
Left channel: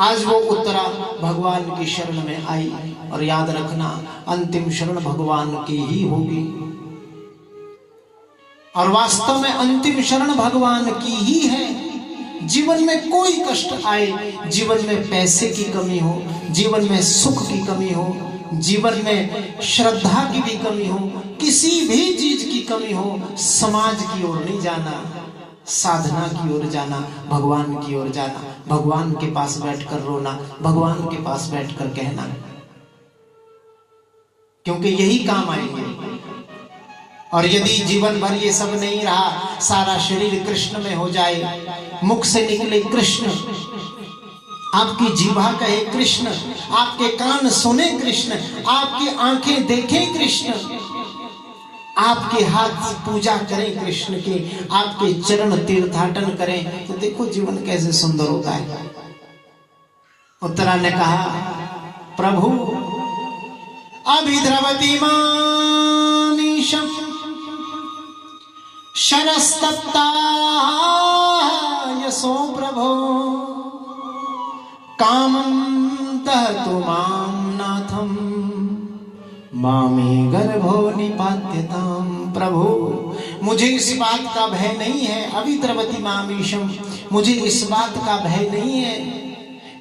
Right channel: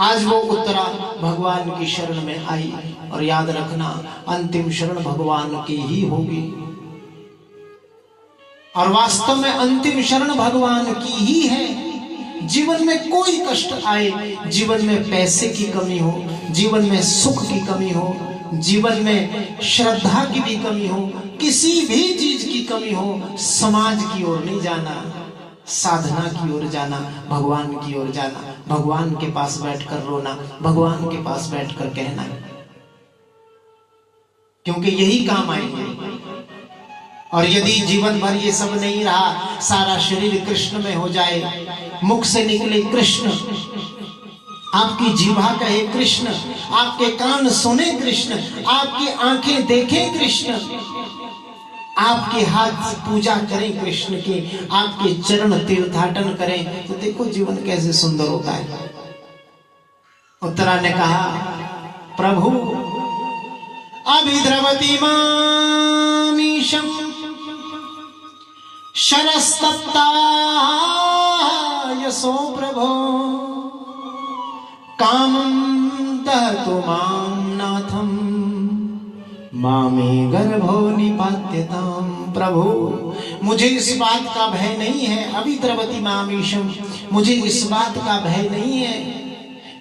आज वो उत्तरा भगवान की शरण में आई। और याद रखना, अंतिम शरण भगवान की ही होगी। और वास्तव में अंतिम शरण भगवान की ही है। जीवन में कोई कष्ट आए, जीवन में पैसे की कमी हो, जीवन में सुख की कमी हो, जीवन में श्रद्धा की भी कमी हो, किसी भी चीज की कमी हो, समाज की ओर नहीं जाना, साधना की ओर जाना, भगवान की ओर जाना, भगवान के पास बैठकर रोना, भगवान के पास बैठकर कहना, क्योंकि यही काम आएंगे। और यदि जीवन भर ये सब नहीं रहा, सारा शरीर कृष्ण में हो जाए, मुख से निकले कृष्ण, आपकी जीवा कहे कृष्ण, आपके कान सुने कृष्ण, आपकी आंखें देखें कृष्ण, आपके हाथ पूजा करें कृष्ण के, आपके चरण तीर्थाटन करें, तो देखो जीवन कैसे सुंदर होता है। उत्तरा ने कहा, प्रभु अभिद्रवती मामीशं शरस्तप्ता यशो प्रभो कामं दहतु मां नाथं मामी गर्भो निपात्यताम। प्रभु मुझे इस बात का भय नहीं है, अभिद्रवती मामीशम, मुझे इस बात का भय नहीं है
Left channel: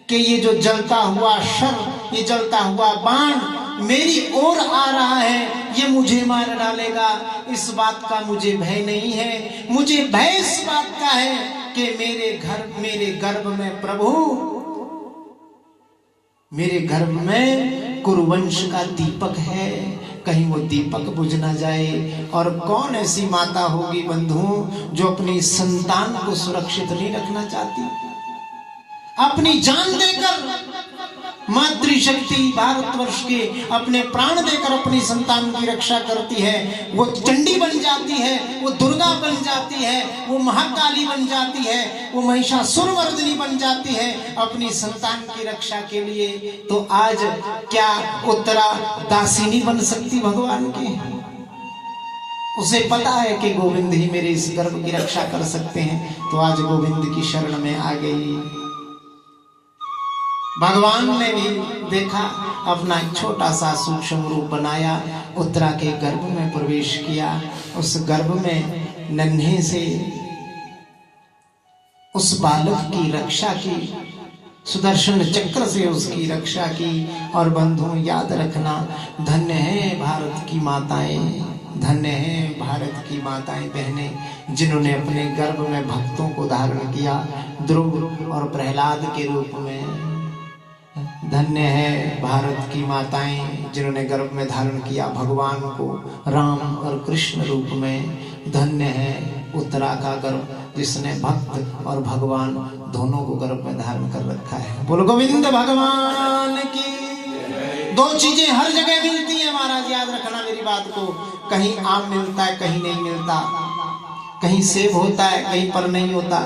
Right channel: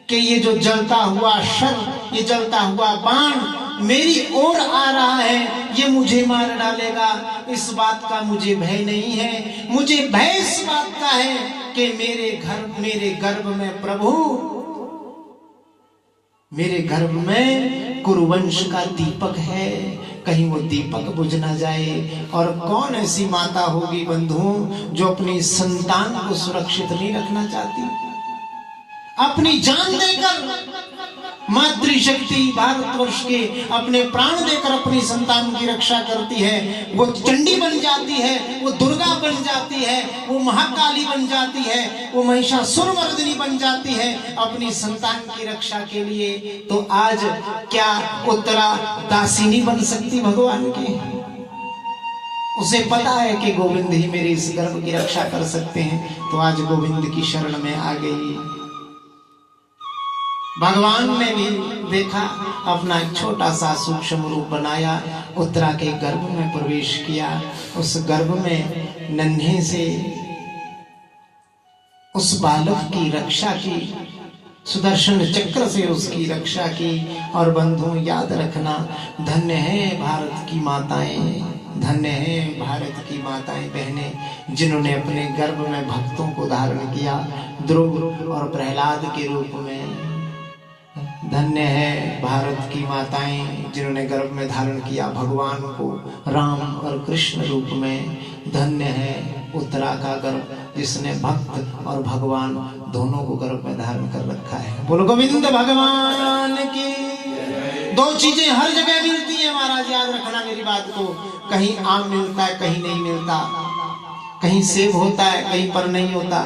कि ये जो जलता हुआ शर, ये जलता हुआ बाण मेरी ओर आ रहा है, ये मुझे मार डालेगा, इस बात का मुझे भय नहीं है। मुझे भय इस बात का है कि मेरे गर्भ में प्रभु, मेरे गर्भ में कुरुवंश का दीपक है, कहीं वो दीपक बुझ ना जाए। और कौन ऐसी माता होगी बंधुओं जो अपनी संतान को सुरक्षित नहीं रखना चाहती, अपनी जान देकर, मातृशक्ति भारतवर्ष के अपने प्राण देकर अपनी संतान की रक्षा करती है। वो चंडी बन जाती है, वो दुर्गा बन जाती है, वो महाकाली बन जाती है, वो महिषासुरमर्दिनी बन जाती है अपनी संतान की रक्षा के लिए। तो आज क्या उत्तरा दासिनी बन सकती भगवान की? उसे पता है कि गोविंद ही मेरे इस गर्भ की रक्षा कर सकते हैं, तो आज गोविंद की शरण में आ गई। भगवान ने भी देखा, अपना एक छोटा सा सूक्ष्म रूप बनाया, उत्तरा के गर्भ में प्रवेश किया, उस गर्भ में नन्हे से उस बालक की रक्षा की, सुदर्शन चक्र से उसकी रक्षा की। और बंधुओं याद रखना, धन्य है भारत की माताएं, धन्य है भारत की माताएं बहनें, जिन्होंने अपने गर्भ में भक्तों को धारण किया, ध्रुव और प्रहलाद के रूप में। धन्य है भारत की माताएं जिन्होंने गर्भ में धारण किया भगवान को राम और कृष्ण रूप में। धन्य है उत्तरा का गर्भ जिसने भक्त और भगवान दोनों को गर्भ में धारण कर रखा है। बोलो गोविंद भगवान की। दो चीजें हर जगह मिलती हैं महाराज, याद रखना मेरी बात को। कहीं आम मिलता है, कहीं नहीं मिलता, कहीं सेब होता है, कहीं पर नहीं होता।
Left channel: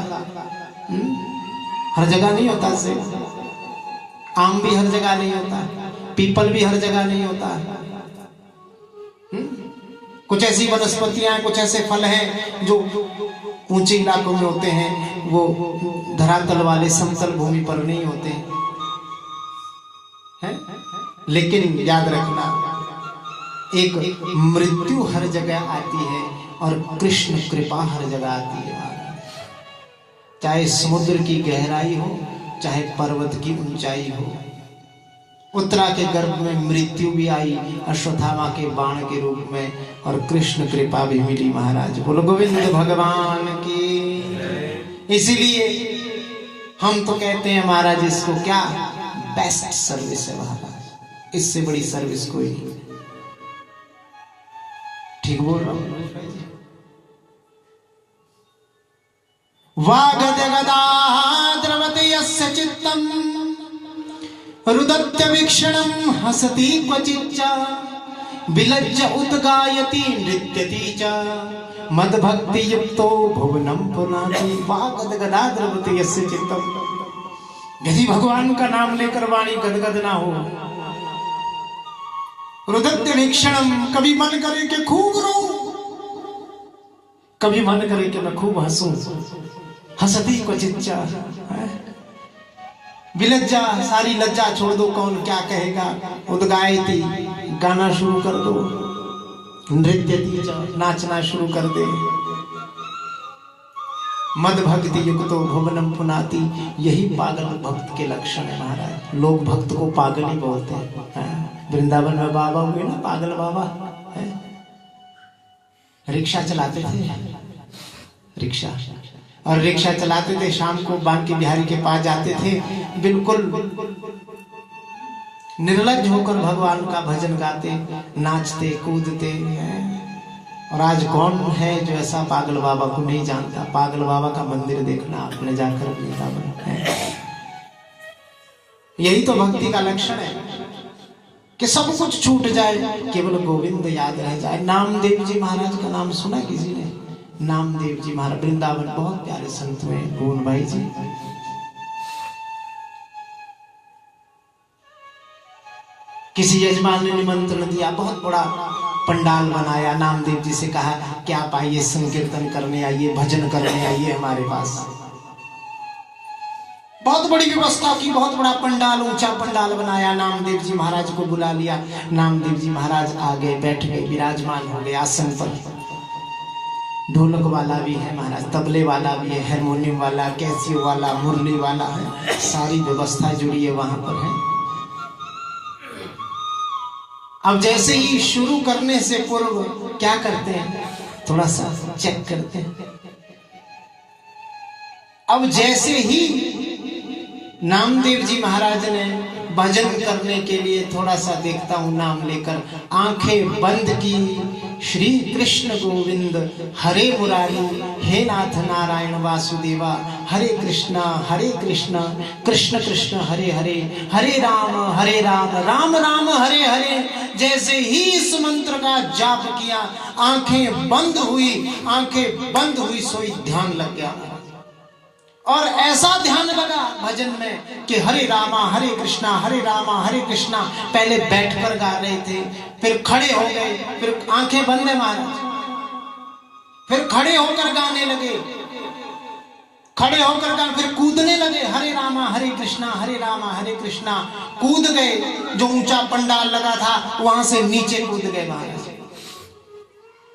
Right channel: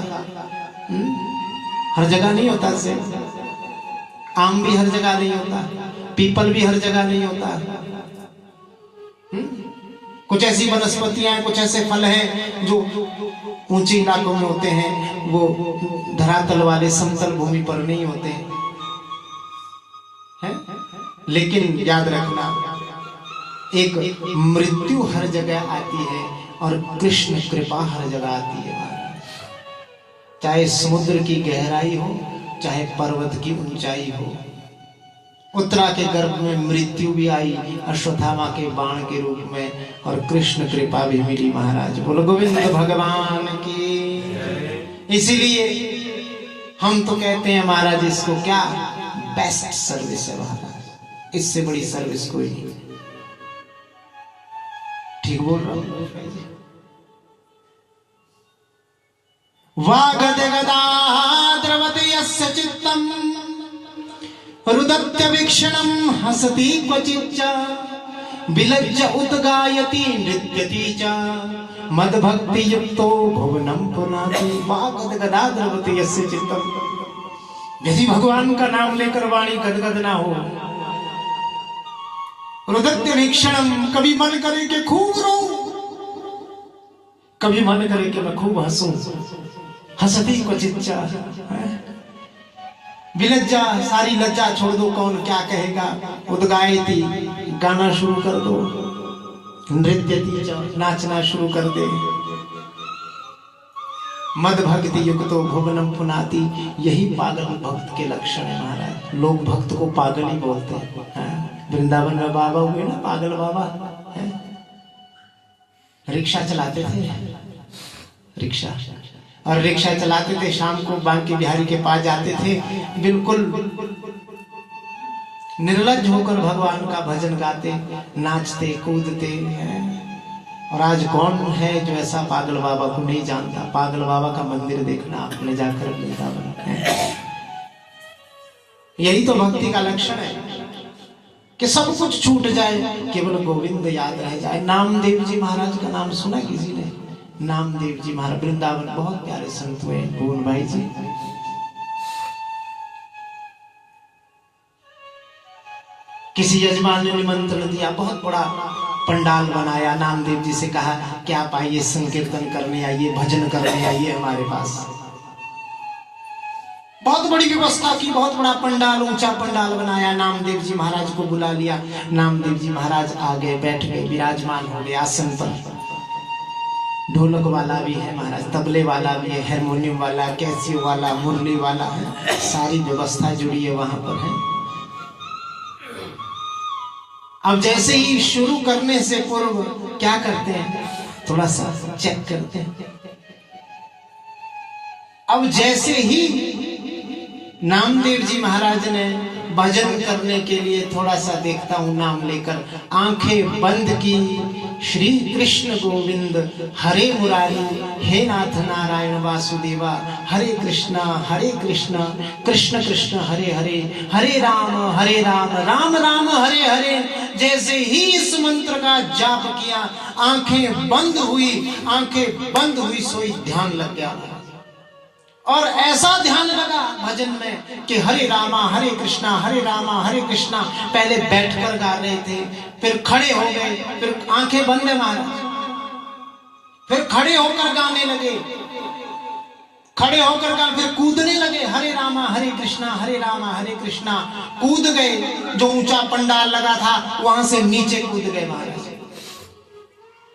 हर जगह नहीं होता सेब, आम भी हर जगह नहीं होता, पीपल भी हर जगह नहीं होता। कुछ ऐसी वनस्पतियां, कुछ ऐसे फल हैं जो ऊंचे इलाकों में होते हैं, वो धरातल वाले समतल भूमि पर नहीं होते। लेकिन याद रखना, एक मृत्यु हर जगह आती है और कृष्ण कृपा हर जगह आती है। चाहे समुद्र की गहराई हो, चाहे पर्वत की ऊंचाई हो, उत्तरा के गर्भ में मृत्यु भी आई अश्वत्थामा के बाण के रूप में, और कृष्ण कृपा भी मिली महाराज। बोलो गोविंद भगवान की। इसीलिए हम तो कहते हैं महाराज, इसको क्या बेस्ट सर्विस है महाराज, इससे बड़ी सर्विस कोई नहीं। ठीक बोल रहा हूं? वागद गदा द्रवते यस्य चित्तम रुदत्य वीक्षणं हसति क्वचिच्च विलज्ज उद्गायति नृत्यति च मदभक्ति युक्तो भुवनं पुनाति। वागद गदा द्रवते यस्य चित्तम, यदि भगवान का नाम लेकर वाणी गदगद ना हो, रुदत्य वीक्षणम, कभी मन करे कि खूब रो, कभी मन करे कि मैं खूब हंसूं, हंसती क्वचिच्चा, विलज्जा, सारी लज्जा छोड़ दो, कौन क्या कहेगा, उद्गायति, गाना शुरू कर दो, नृत्यति, नाचना शुरू कर दे, मद भक्ति युक्तो भुवनम पुनाति। यही पागल भक्त के लक्षण है महाराज। लोग भक्त को पागल ही बोलते हैं। वृंदावन में बाबा हुए ना, पागल बाबा, रिक्शा चलाते थे, रिक्शा, और रिक्शा चलाते थे, शाम को बांके बिहारी के पास जाते थे, बिल्कुल निर्लज्ज होकर भगवान का भजन गाते, नाचते कूदते हैं। और आज कौन है जो ऐसा पागल बाबा को नहीं जानता? पागल बाबा का मंदिर देखना आपने जाकर वृंदावन है। यही तो भक्ति का लक्षण है कि सब कुछ छूट जाए, केवल गोविंद याद रह जाए। नामदेव जी महाराज का नाम सुना किसी ने? नामदेव जी महाराज वृंदावन बहुत प्यारे संत हुए, भुवन भाई जी। किसी यजमान ने निमंत्रण दिया, बहुत बड़ा पंडाल बनाया, नामदेव जी से कहा कि आप आइए, संकीर्तन करने आइए, भजन करने आइए हमारे पास। बहुत बड़ी व्यवस्था की, बहुत बड़ा पंडाल, ऊंचा पंडाल बनाया, नामदेव जी महाराज को बुला लिया। नामदेव जी महाराज आ गए, बैठ गए, विराजमान हो गए आसन पर। ढोलक वाला भी है महाराज, तबले वाला भी है, हारमोनियम वाला, कैसियो वाला, मुरली वाला है, सारी व्यवस्था जुड़ी है वहां पर है। अब जैसे ही शुरू करने से पूर्व क्या करते हैं, थोड़ा सा चेक करते हैं। अब जैसे ही नामदेव जी महाराज ने भजन करने के लिए थोड़ा सा देखता हूं नाम लेकर, आंखें बंद की, श्री कृष्ण गोविंद हरे मुरारी, हे नाथ नारायण वासुदेवा, हरे कृष्ण कृष्ण कृष्ण हरे हरे, हरे राम राम राम हरे हरे। जैसे ही इस मंत्र का जाप किया, आंखें बंद हुई, सोई ध्यान लग गया। और ऐसा ध्यान लगा भजन में कि हरे रामा हरे कृष्णा। पहले बैठकर गा रहे थे, फिर खड़े हो गए, फिर आंखें बंद है महाराज, फिर खड़े होकर गाने लगे, फिर कूदने लगे, हरे रामा हरे कृष्णा। कूद गए, जो ऊंचा पंडाल लगा था वहां से नीचे कूद गए महाराज।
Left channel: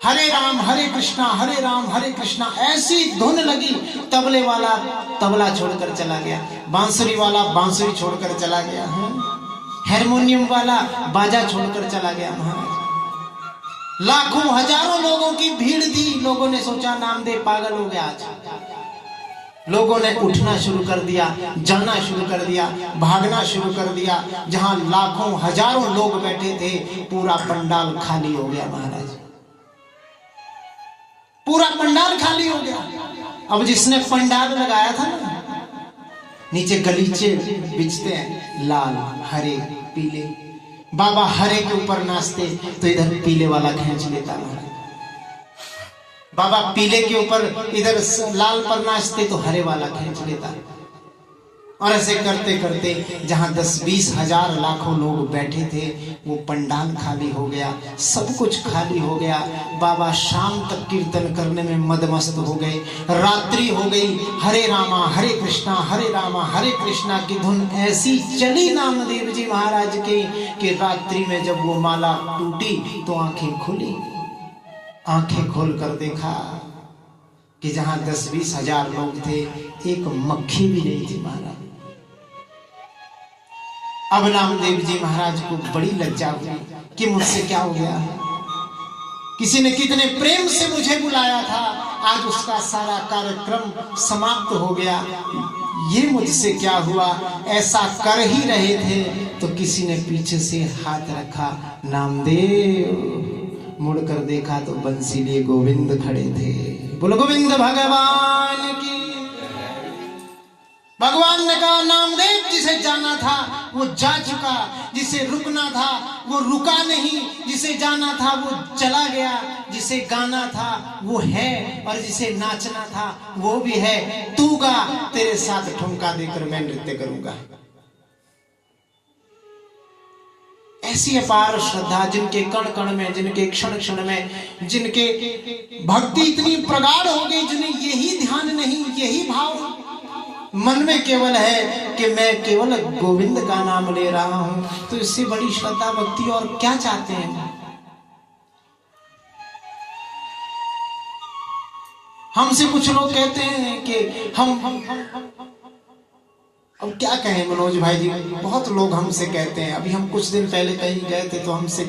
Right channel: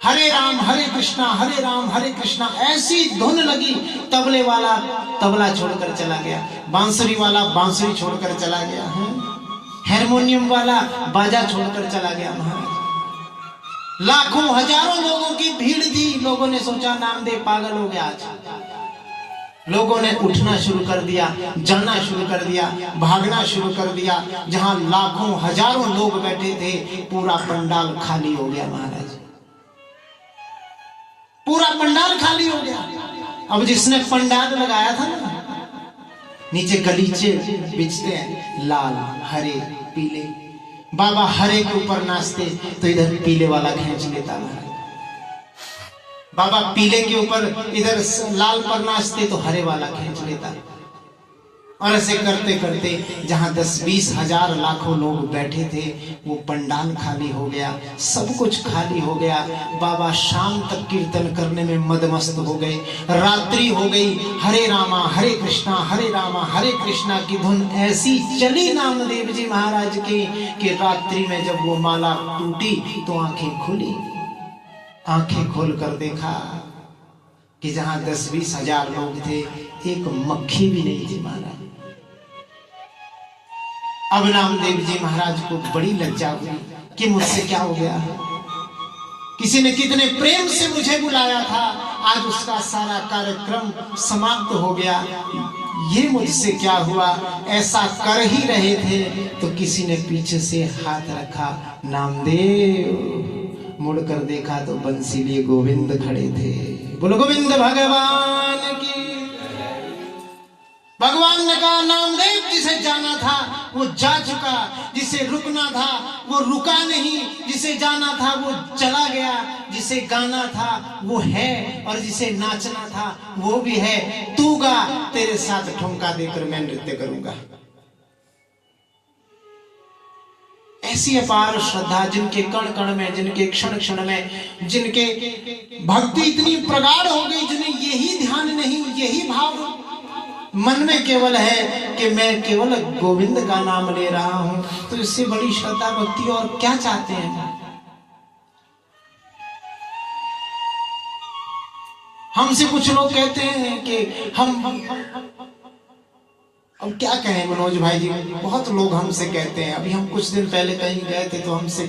हरे राम हरे कृष्णा, ऐसी धुन लगी। तबले वाला तबला छोड़कर चला गया, बांसुरी वाला बांसुरी छोड़कर चला गया, हारमोनियम वाला बाजा छोड़कर चला गया महाराज। लाखों हजारों लोगों की भीड़ थी। लोगों ने सोचा नामदेव पागल हो गया आज। लोगों ने उठना शुरू कर दिया, जाना शुरू कर दिया, भागना शुरू कर दिया। जहां लाखों हजारों लोग बैठे थे, पूरा पंडाल खाली हो गया महाराज, पूरा पंडाल खाली हो गया। अब जिसने पंडाल लगाया था ना, नीचे गलीचे बिछते हैं, लाल हरे पीले। बाबा हरे के ऊपर नाचते तो इधर पीले वाला खींच लेता महाराज। बाबा पीले के ऊपर इधर लाल पर नाचते तो हरे वाला खींच लेता। और ऐसे करते करते जहां 10-20 हजार लाखों लोग बैठे थे वो पंडाल खाली हो गया, सब कुछ खाली हो गया। बाबा शाम तक कीर्तन करने में मदमस्त हो गए। रात्रि हो गई, हरे रामा हरे रामा हरे कृष्णा की धुन ऐसी चली नामदेव जी महाराज के कि रात्रि में जब वो माला टूटी तो आंखें खुली। आंखें खोल कर देखा कि जहां 10-20 हजार लोग थे एक मक्खी भी नहीं थी महाराज। अब नामदेव जी महाराज को बड़ी लज्जा हुई कि मुझसे क्या हो गया। किसी ने कितने प्रेम से मुझे बुलाया था, आज उसका सारा कार्यक्रम समाप्त हो गया। ये मुझसे क्या हुआ। ऐसा कर ही रहे थे तो किसी ने पीछे से हाथ रखा। नामदेव मुड़कर देखा तो बंसीली गोविंद खड़े थे। बोलो गोविंद भगवान की। भगवान ने कहा नामदेव जिसे जाना था वो जा चुका, जिसे रुकना था वो रुका नहीं, जिसे जाना था वो चला गया, जिसे गाना था वो है और जिसे नाचना था वो भी है। तू गा, तेरे साथ ठुमका देकर मैं नृत्य करूंगा। ऐसी अपार श्रद्धा जिनके कण कण में, जिनके क्षण क्षण में, जिनके भक्ति इतनी प्रगाढ़ हो गई, जिन्हें यही ध्यान नहीं, यही भाव मन में केवल है कि मैं केवल गोविंद का नाम ले रहा हूं, तो इससे बड़ी श्रद्धा भक्ति और क्या चाहते हैं। हमसे कुछ लोग कहते हैं कि हम अब क्या कहें मनोज भाई जी, बहुत लोग हमसे कहते हैं। अभी हम कुछ दिन पहले कहीं गए थे तो हमसे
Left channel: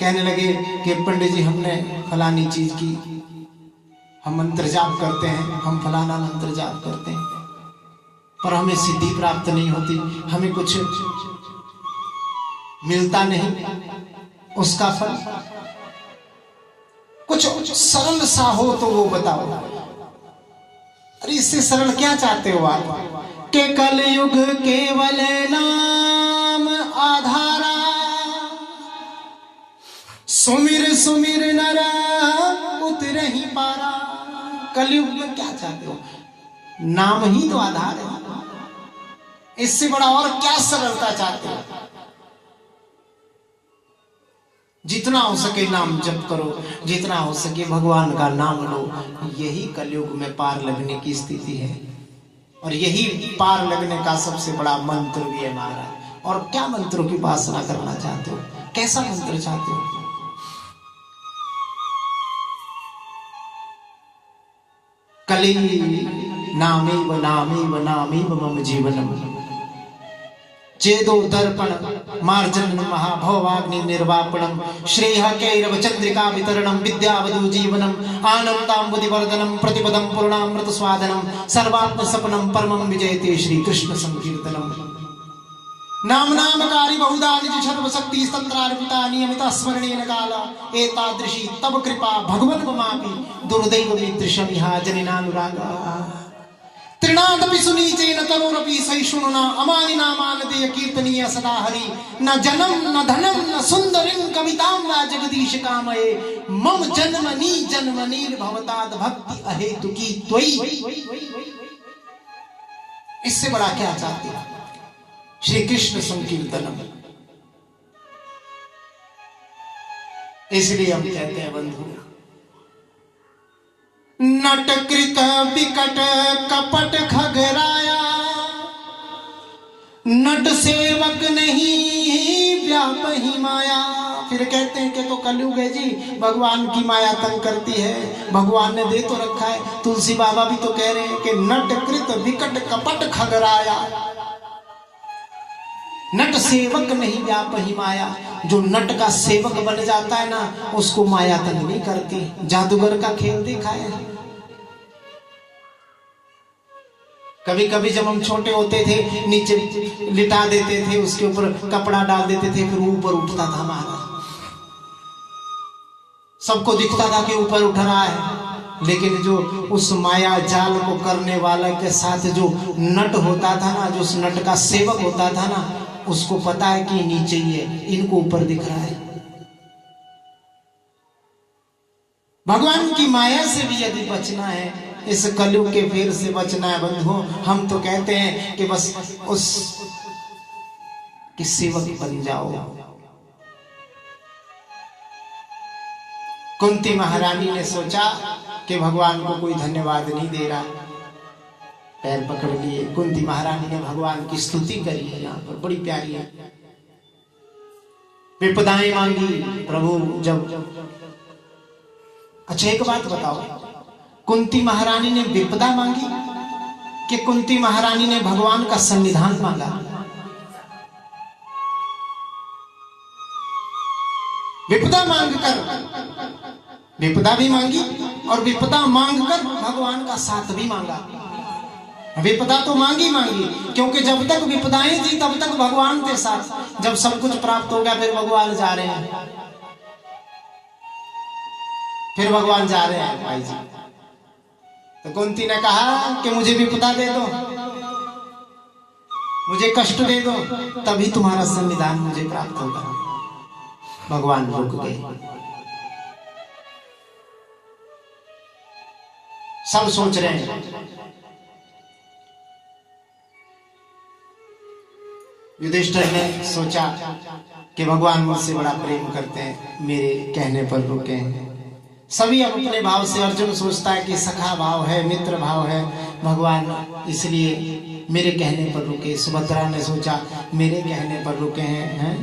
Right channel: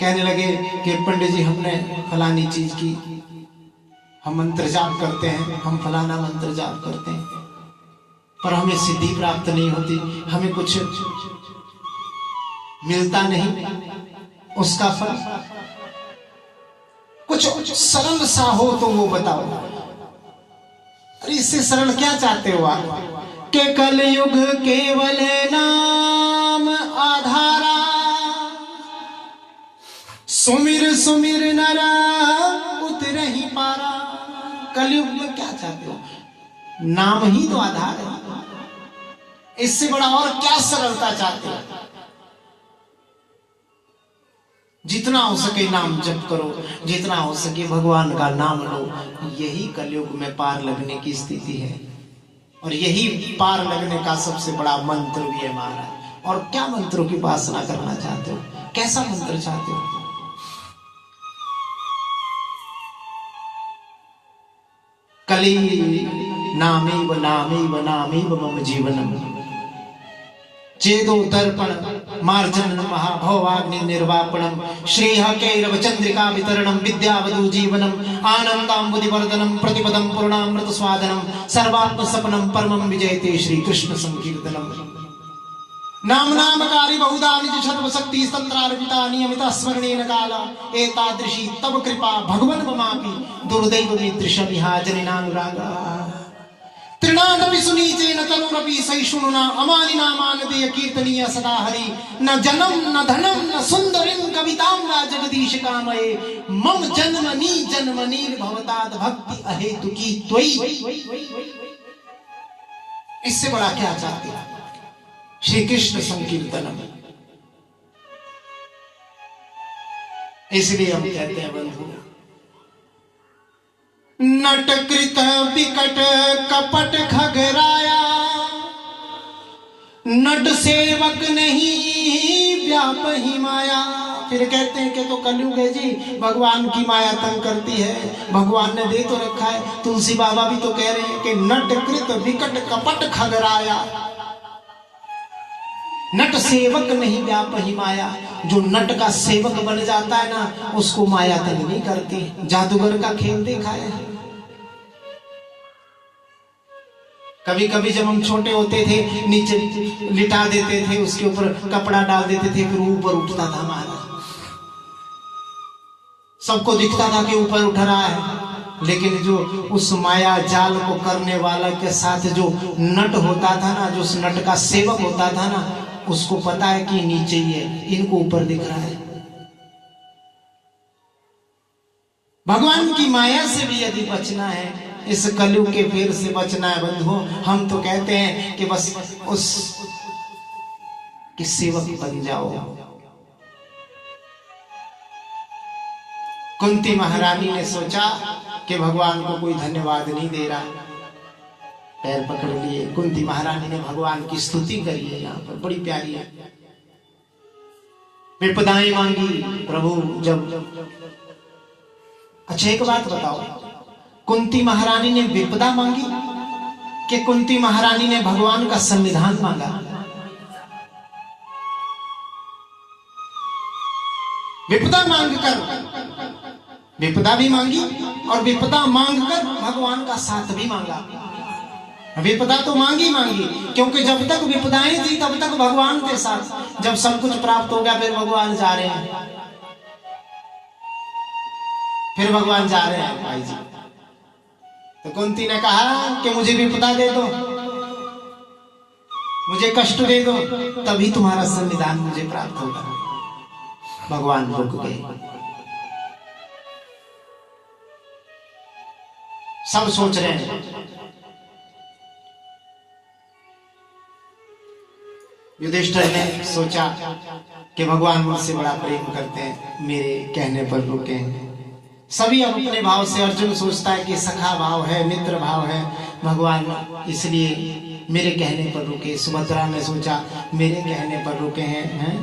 कहने लगे कि पंडित जी हमने फलानी चीज की, हम मंत्र जाप करते हैं, हम फलाना मंत्र जाप करते हैं, पर हमें सिद्धि प्राप्त नहीं होती, हमें कुछ मिलता नहीं उसका फल। कुछ सरल सा हो तो वो बताओ। अरे इससे सरल क्या चाहते हो आप? के कलयुग केवल नाम आधारा, सुमिर सुमिर नरा उतरहि पारा। कलयुग में क्या चाहते हो? नाम ही तो आधार है। इससे बड़ा और क्या सरलता चाहते हो? जितना हो सके नाम जप करो, जितना हो सके भगवान का नाम लो। यही कलयुग में पार लगने की स्थिति है और यही पार लगने का सबसे बड़ा मंत्र भी है महाराज। और क्या मंत्रों की उपासना करना चाहते हो? कैसा मंत्र चाहते हो? कली नामेव नामेव नामेव मम जीवनम, चेदो दर्पण मार्जन महाभवाग्नि निर्वापणम, श्रेय कैरव चंद्रिका वितरणम, विद्यावधु जीवनम, आनंदांबुधिवर्धनम, प्रतिपदम पूर्णामृत स्वादनम, सर्वात्म सपनम परमम विजयते श्री कृष्ण संकीर्तनम। नाम नामकारी बहुधा निज सर्व शक्ति तंत्रार्पिता नियमित स्मरणेन काल, एतादृशी तब कृपा भगवन ममापि दुर्दैव मित्रशमिहा जनिनानुरागा। त्रिनादपि सुनीचेन तरुरपि सहिष्णुना, अमानिना मानदेय कीर्तनीय सदा हरि। न जन्म न धनम न सुंदरिं कवितां वा जगदीश कामये, मम जन्मनि जन्मनि भवताद भक्ति अहेतुकी त्वयि। इससे बड़ा क्या चाहते हैं? श्री कृष्ण संकीर्तनम। इसलिए हम कहते हैं बंधु, नटकृत विकट कपट खगराया, नट सेवक नहीं व्यापहि माया। फिर कहते हैं कि तो कलयुग है जी, भगवान की माया तंग करती है, भगवान ने दे तो रखा है। तुलसी बाबा भी तो कह रहे हैं कि नटकृत विकट कपट खगराया, नट सेवक नहीं व्यापहि माया। जो नट का सेवक बन जाता है ना, उसको माया तंग नहीं करती। जादूगर का खेल देखा है? कभी कभी जब हम छोटे होते थे नीचे लिटा देते थे, उसके ऊपर कपड़ा डाल देते थे, फिर ऊपर उठता था महाराज। सबको दिखता था कि ऊपर उठ रहा है, लेकिन जो उस माया जाल को करने वाला के साथ जो नट होता था ना, जो उस नट का सेवक होता था ना, उसको पता है कि नीचे ही है, इनको ऊपर दिख रहा है। भगवान की माया से भी यदि बचना है, इस कलयुग के फेर से बचना है बंधुओं। हम तो कहते हैं कि बस उस की सेवक बन जाओ। कुंती महारानी ने सोचा कि भगवान को कोई धन्यवाद नहीं दे रहा, पैर पकड़ लिए। कुंती महारानी ने भगवान की स्तुति करी है, यहाँ पर बड़ी प्यारी है। विपदाएं मांगी प्रभु जब। अच्छा एक बात बताओ, कुंती महारानी ने विपदा मांगी कि कुंती महारानी ने भगवान का संविधान मांगा? विपदा मांगकर विपदा भी मांगी और विपदा मांगकर भगवान का साथ भी मांगा। विपदा तो मांगी क्योंकि जब तक विपदाएं थी तब तक भगवान के साथ। जब सब कुछ प्राप्त हो गया फिर भगवान जा रहे हैं, फिर भगवान जा रहे हैं भाई जी। तो कुंती ने कहा कि मुझे विपदा दे दो, मुझे कष्ट दे दो, तभी तुम्हारा संविधान मुझे प्राप्त होगा। भगवान रुक गए। सब सोच रहे हैं। युधिष्ठिर ने सोचा कि भगवान मुझसे बड़ा प्रेम करते हैं, मेरे कहने पर रुके। सभी अपने भाव से, अर्जुन सोचता है कि सखा भाव है, मित्र भाव है, भगवान इसलिए मेरे कहने पर रुके। सुभद्रा ने सोचा मेरे कहने पर रुके हैं।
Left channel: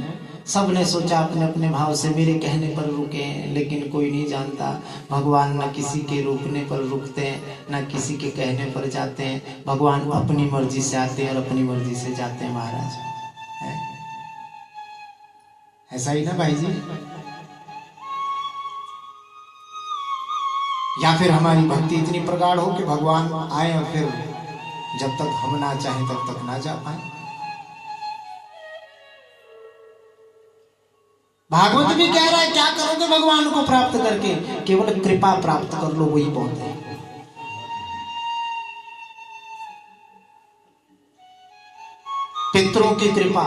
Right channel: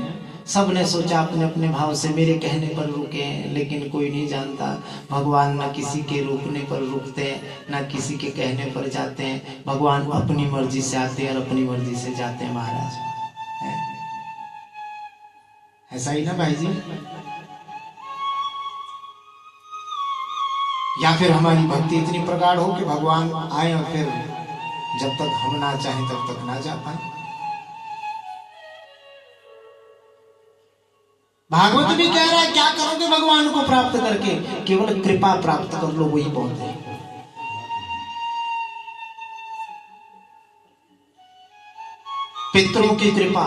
सब ने सोचा अपने अपने भाव से मेरे कहने पर रुके हैं, लेकिन कोई नहीं जानता भगवान न किसी के रुकने पर रुकते हैं, न किसी के कहने पर जाते हैं। भगवान अपनी मर्जी से आते हैं और अपनी मर्जी से जाते हैं महाराज। ऐसा ही ना भाई जी? या फिर हमारी भक्ति इतनी प्रगाढ़ हो कि भगवान आए और फिर जब तक हम ना चाहें तब तक ना जा पाए। भागवत भी कह रहा है क्या करोगे भगवान को प्राप्त करके? केवल कृपा प्राप्त कर लो, वही बहुत है। पितरों की कृपा,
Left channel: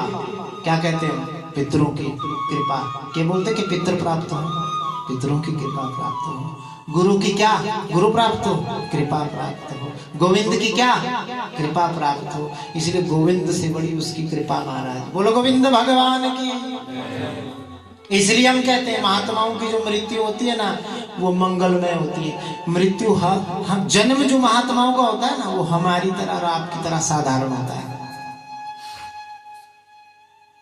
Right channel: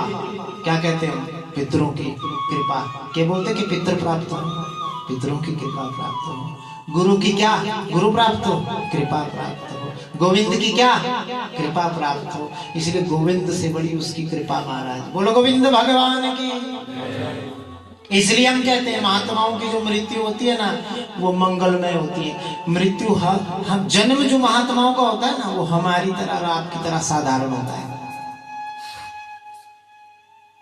क्या कहते हैं? पितरों की कृपा। क्या बोलते कि पितर प्राप्त हो, पितरों की कृपा प्राप्त हो। गुरु की क्या? गुरु प्राप्त हो, कृपा प्राप्त हो। गोविंद की क्या? कृपा प्राप्त हो। इसलिए गोविंद से बड़ी उसकी कृपा महाराज। बोलो गोविंद भगवान की। इसलिए हम कहते हैं महात्माओं की जो मृत्यु होती है ना, वो मंगलमय होती है। मृत्यु हम जन्म जो महात्माओं का होता है ना, वो हमारी तरह और आपकी तरह साधारण होता है।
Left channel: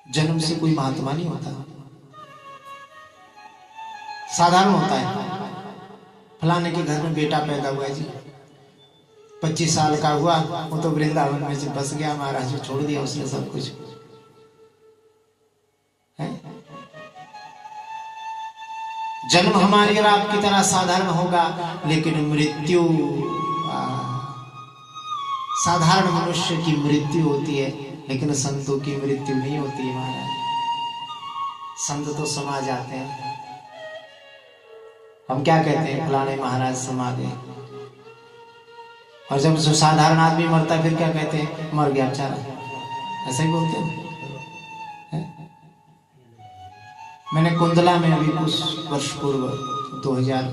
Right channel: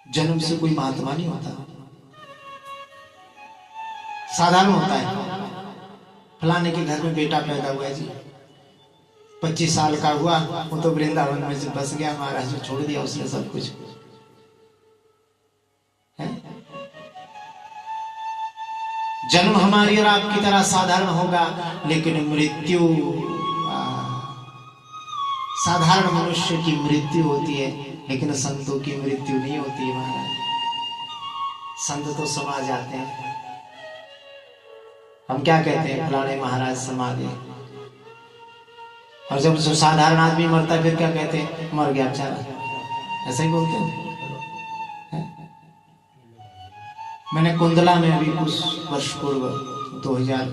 जन्म से कोई महात्मा नहीं होता, साधारण होता है। फलाने के घर में बेटा पैदा हुआ जी, 25 साल का हुआ, वो तो वृंदावन में से बस गया महाराज, छोड़ दिया उसने सब कुछ है। जन्म हमारी और आपकी तरह साधारण होगा, लेकिन मृत्यु साधारण मनुष्य की मृत्यु होती है, लेकिन संतों की मृत्यु नहीं होती है महाराज। संत तो समा जाते हैं। हम क्या कहते हैं? फलाने महाराज समा गए। और जब साधारण आदमी मरता है फिर क्या कहते हैं? मर गया बेचारा, ऐसे ही बोलते हैं। मैंने कुंदला में अभी कुछ वर्ष पूर्व 2000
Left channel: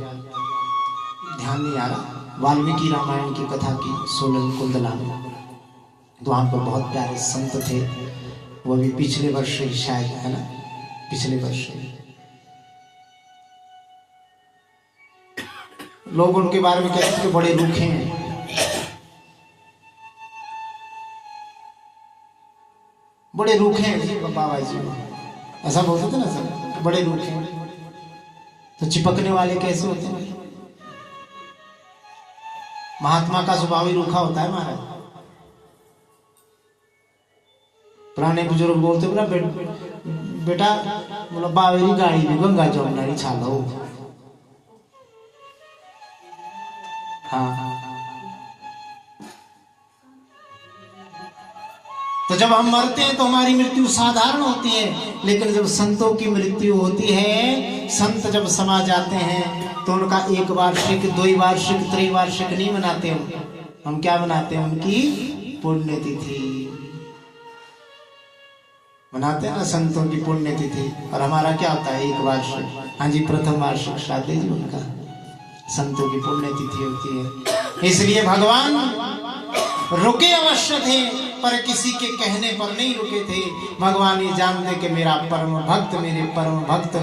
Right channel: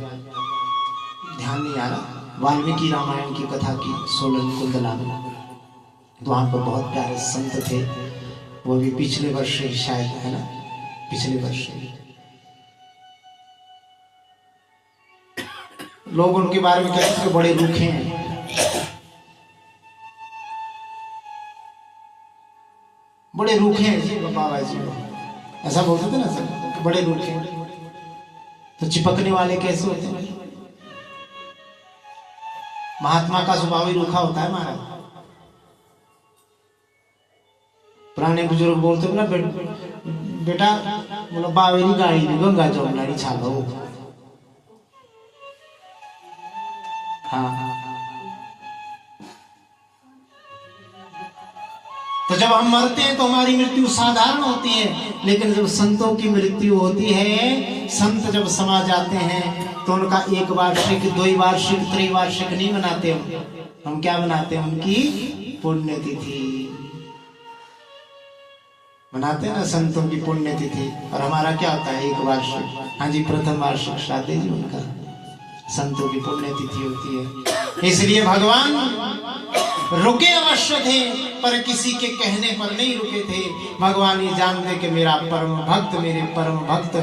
ध्यान नहीं आ रहा, वाल्मीकि रामायण की कथा की सोलन कुंदला में। तो वहां पर बहुत प्यारे संत थे, वो भी पिछले वर्ष ही शायद, है ना, पिछले वर्ष ही। लोग उनके बारे में कहते हैं कि बड़े रूखे हैं, बड़े रूखे हैं जी बाबा जी, ऐसा बोलते थे ना सर, बड़े रूखे हैं। तो चिपकने वाले कैसे होते हैं? महात्मा का स्वभाव ही रूखा होता है महाराज। पुराने बुजुर्ग बोलते बोला बेटा, बोला बावेरी गाड़ी गंगा जमुनारी छालो। हाँ, तो जब हम मरते हैं तो हमारी मृत्यु साधारण होती है, लेकिन जब संतों की मृत्यु होती है, संत जब समा जाते हैं तो उनका 1 वार्षिक 2 वार्षिक 3 वार्षिक नहीं मनाते हम क्या मनाते हैं? उनकी पुण्यतिथि मनाते हैं ना, संतों की पुण्यतिथि। और हमारा क्या होता है? 1 वार्षिक। हाँ जी, प्रथम वार्षिक श्राद्ध जी उनका, संतों की पुण्यतिथि होती है। इसलिए भगवान रुके अवश्य थे, पर किसी के कहने पर नहीं रुके थे। भगवान ये जानते कि मेरा परम भक्त, मेरे परम भक्त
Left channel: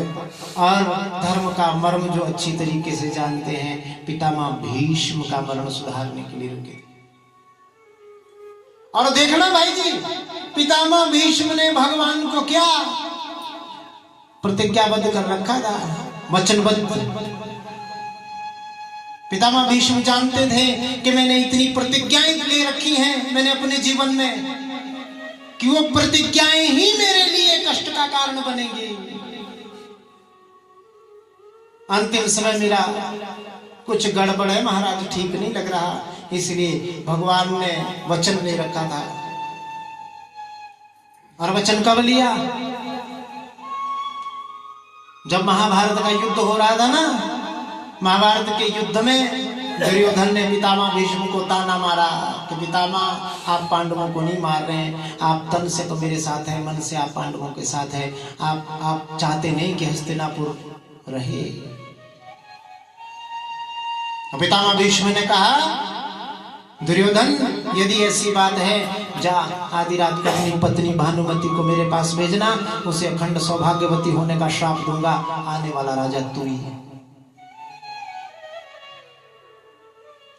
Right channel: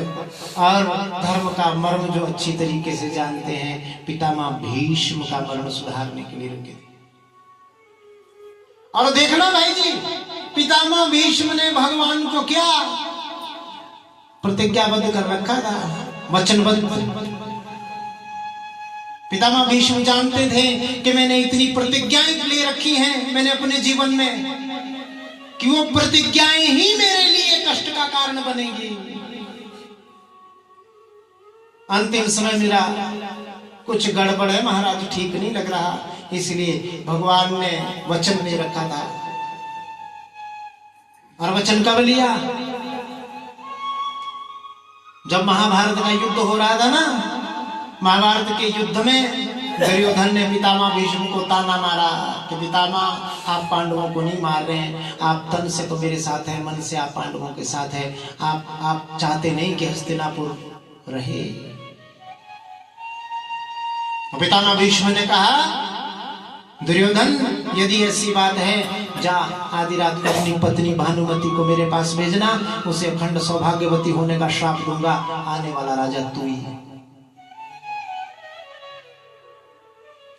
और धर्म का मर्म जो अच्छी तरीके से जानते हैं, पितामह भीष्म का मर्म सुधारने के लिए रुके। और देखना भाई जी, पितामह भीष्म ने भगवान को क्या प्रतिज्ञाबद्ध कर रखा था, वचनबद्ध। पितामह भीष्म जानते थे कि मैंने इतनी प्रतिज्ञाएं ले रखी हैं मैंने अपने जीवन में, कि वो प्रतिज्ञाएं ही मेरे लिए कष्ट का कारण बनेगी। अंतिम समय मेरा कुछ गड़बड़ है महाराज, ठीक नहीं लग रहा, इसलिए भगवान ने वचन ले रखा था। और वचन कब लिया? जब महाभारत का युद्ध हो रहा था ना, महाभारत के युद्ध में दुर्योधन ने पितामह भीष्म को ताना मारा कि पितामह आप पांडवों को नहीं मार रहे हैं, आप तन से तो मेरे साथ हैं, मन से आप पांडवों के साथ हैं, आप चाहते नहीं कि हस्तिनापुर रहे। पितामह भीष्म ने कहा, दुर्योधन यदि ऐसी बात है, जा आधी रात को अपनी पत्नी भानुमति को मेरे पास भेजना, उसे अखंड सौभाग्यवती होने का श्राप दूंगा, आने वाला राजा तू ही है।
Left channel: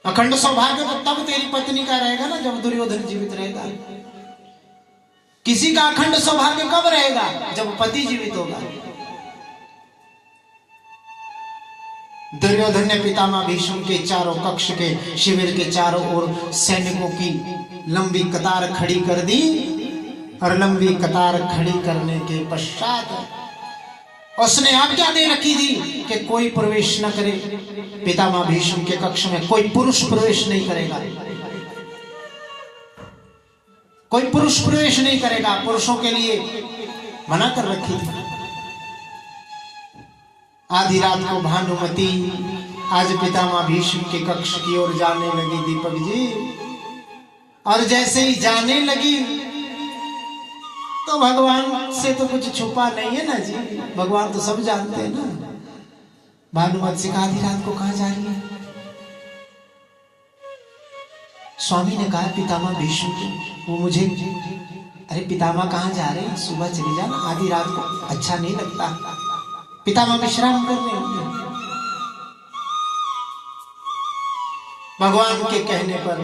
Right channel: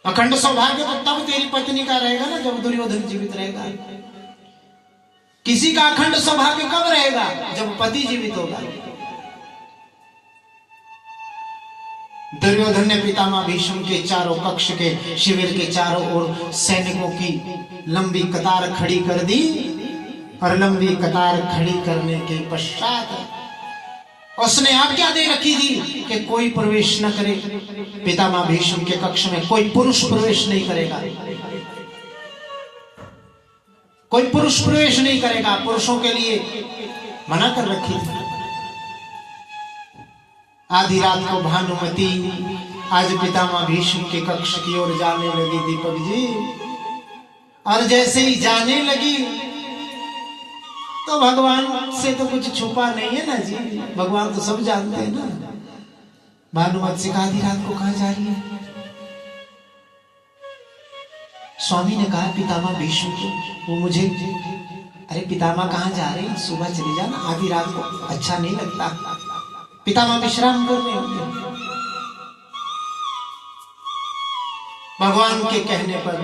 अखंड सौभाग्य तो तब तेरी पत्नी का रहेगा ना जब दुर्योधन जीवित रहेगा। किसी का अखंड सौभाग्य कब रहेगा? जब पति जीवित होगा। दुर्योधन ने पितामह भीष्म के चारों कक्ष के शिविर के चारों ओर सैनिकों की लंबी कतार खड़ी कर दी, और लंबी कतार खड़ी करने के पश्चात उसने आज्ञा दे रखी थी कि कोई प्रवेश न करे। पितामह भीष्म के कक्ष में कोई पुरुष प्रवेश नहीं करेगा, कोई पुरुष प्रवेश नहीं करेगा, पुरुषों के लिए मना कर रखी थी। आधी रात को भानुमति आज पितामह भीष्म के कक्ष की ओर जाने लगी दीपक जी, और जैसे ही जाने लगी तो भगवान से तो कुछ छुपा नहीं है ना जी, भगवान तो सब जानते हैं ना। भानुमति से कहा, आधी रात को कहां जा रही है? स्वामी ने कहा पितामह भीष्म को, वो मुझे, अरे पितामह कहां जा रहे हैं, सुबह चली जाना, आधी रात को अच्छा नहीं लगता, पितामह विश्राम कर रहे होंगे। भगवान के कहने पर,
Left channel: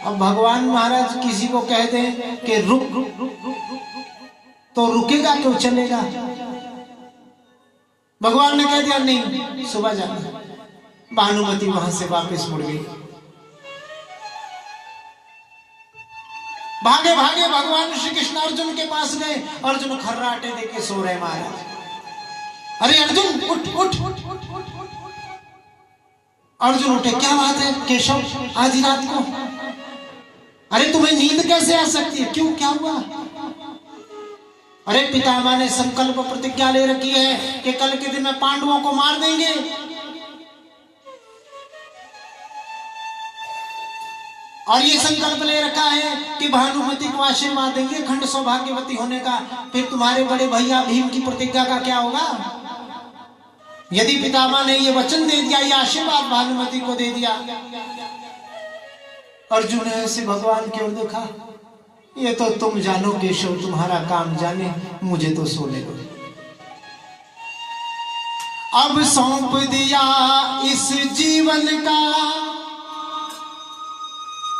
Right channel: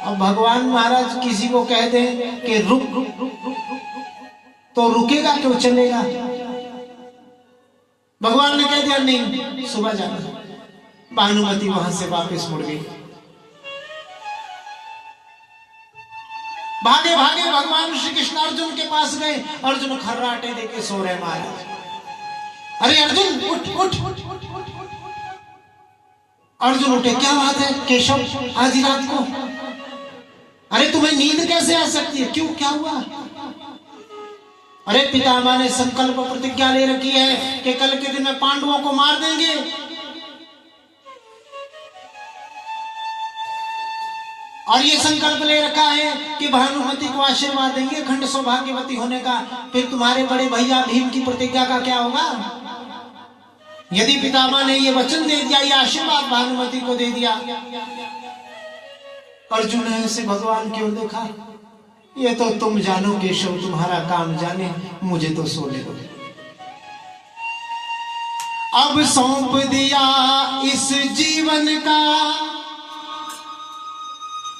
अब भगवान महाराज किसी को कह दे कि रुक तो रुकेगा क्यों, चलेगा? भगवान ने कह दिया नहीं, सुबह जाना। भानुमति वहां से वापस मुड़ गई। भागे भागे भगवान श्री कृष्ण अर्जुन के पास गए। अर्जुन खर्राटे देके सो रहे महाराज। अरे अर्जुन उठ उठ। अर्जुन उठे, क्या बात है केशव, आधी रात को? अरे तुम्हें नींद कैसे आ सकती है, क्यों, क्या हुआ? अरे पितामह ने संकल्प प्रतिज्ञा ले रखी है कि कल के दिन में पांडवों को मार देंगे। और ये संकल्प ले रखा है कि भानुमति को आशीर्वाद देंगे अखंड सौभाग्यवती होने का। फिर तुम्हारे बड़े भैया भीम की प्रतिज्ञा का क्या होगा? यदि पितामह ने ये वचन दे दिया, ये आशीर्वाद भानुमति को दे दिया। अर्जुन ने ऐसे भगवान की ओर देखा, ये तो तुम जानो केशव, तुम्हारा काम जाने, मुझे तो सोने दो। अब सौंप दिया इस जीवन का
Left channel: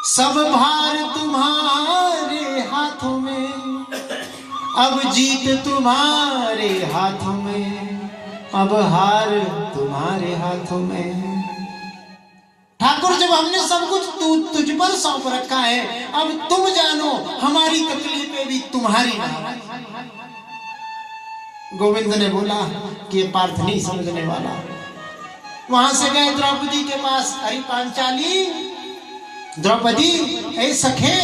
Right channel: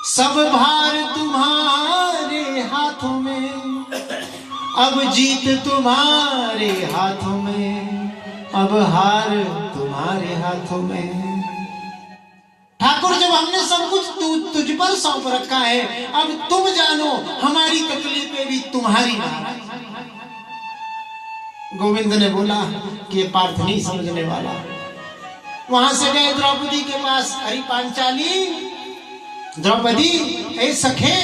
सब भार तुम्हारे हाथों में, अब जीत तुम्हारे हाथों में, अब हार तुम्हारे हाथों में। ठाकुर जब हमने सब कुछ तुझ पर सौंप रखा है, अब तुम जानो हमारी तकलीफें भी तुम्हारी ना। गोविंद ने बोला कि ये पार्थ नहीं समझने वाला। वहां से गए द्रौपदी के पास, अरे पांचाली, द्रौपदी, ऐ सखे,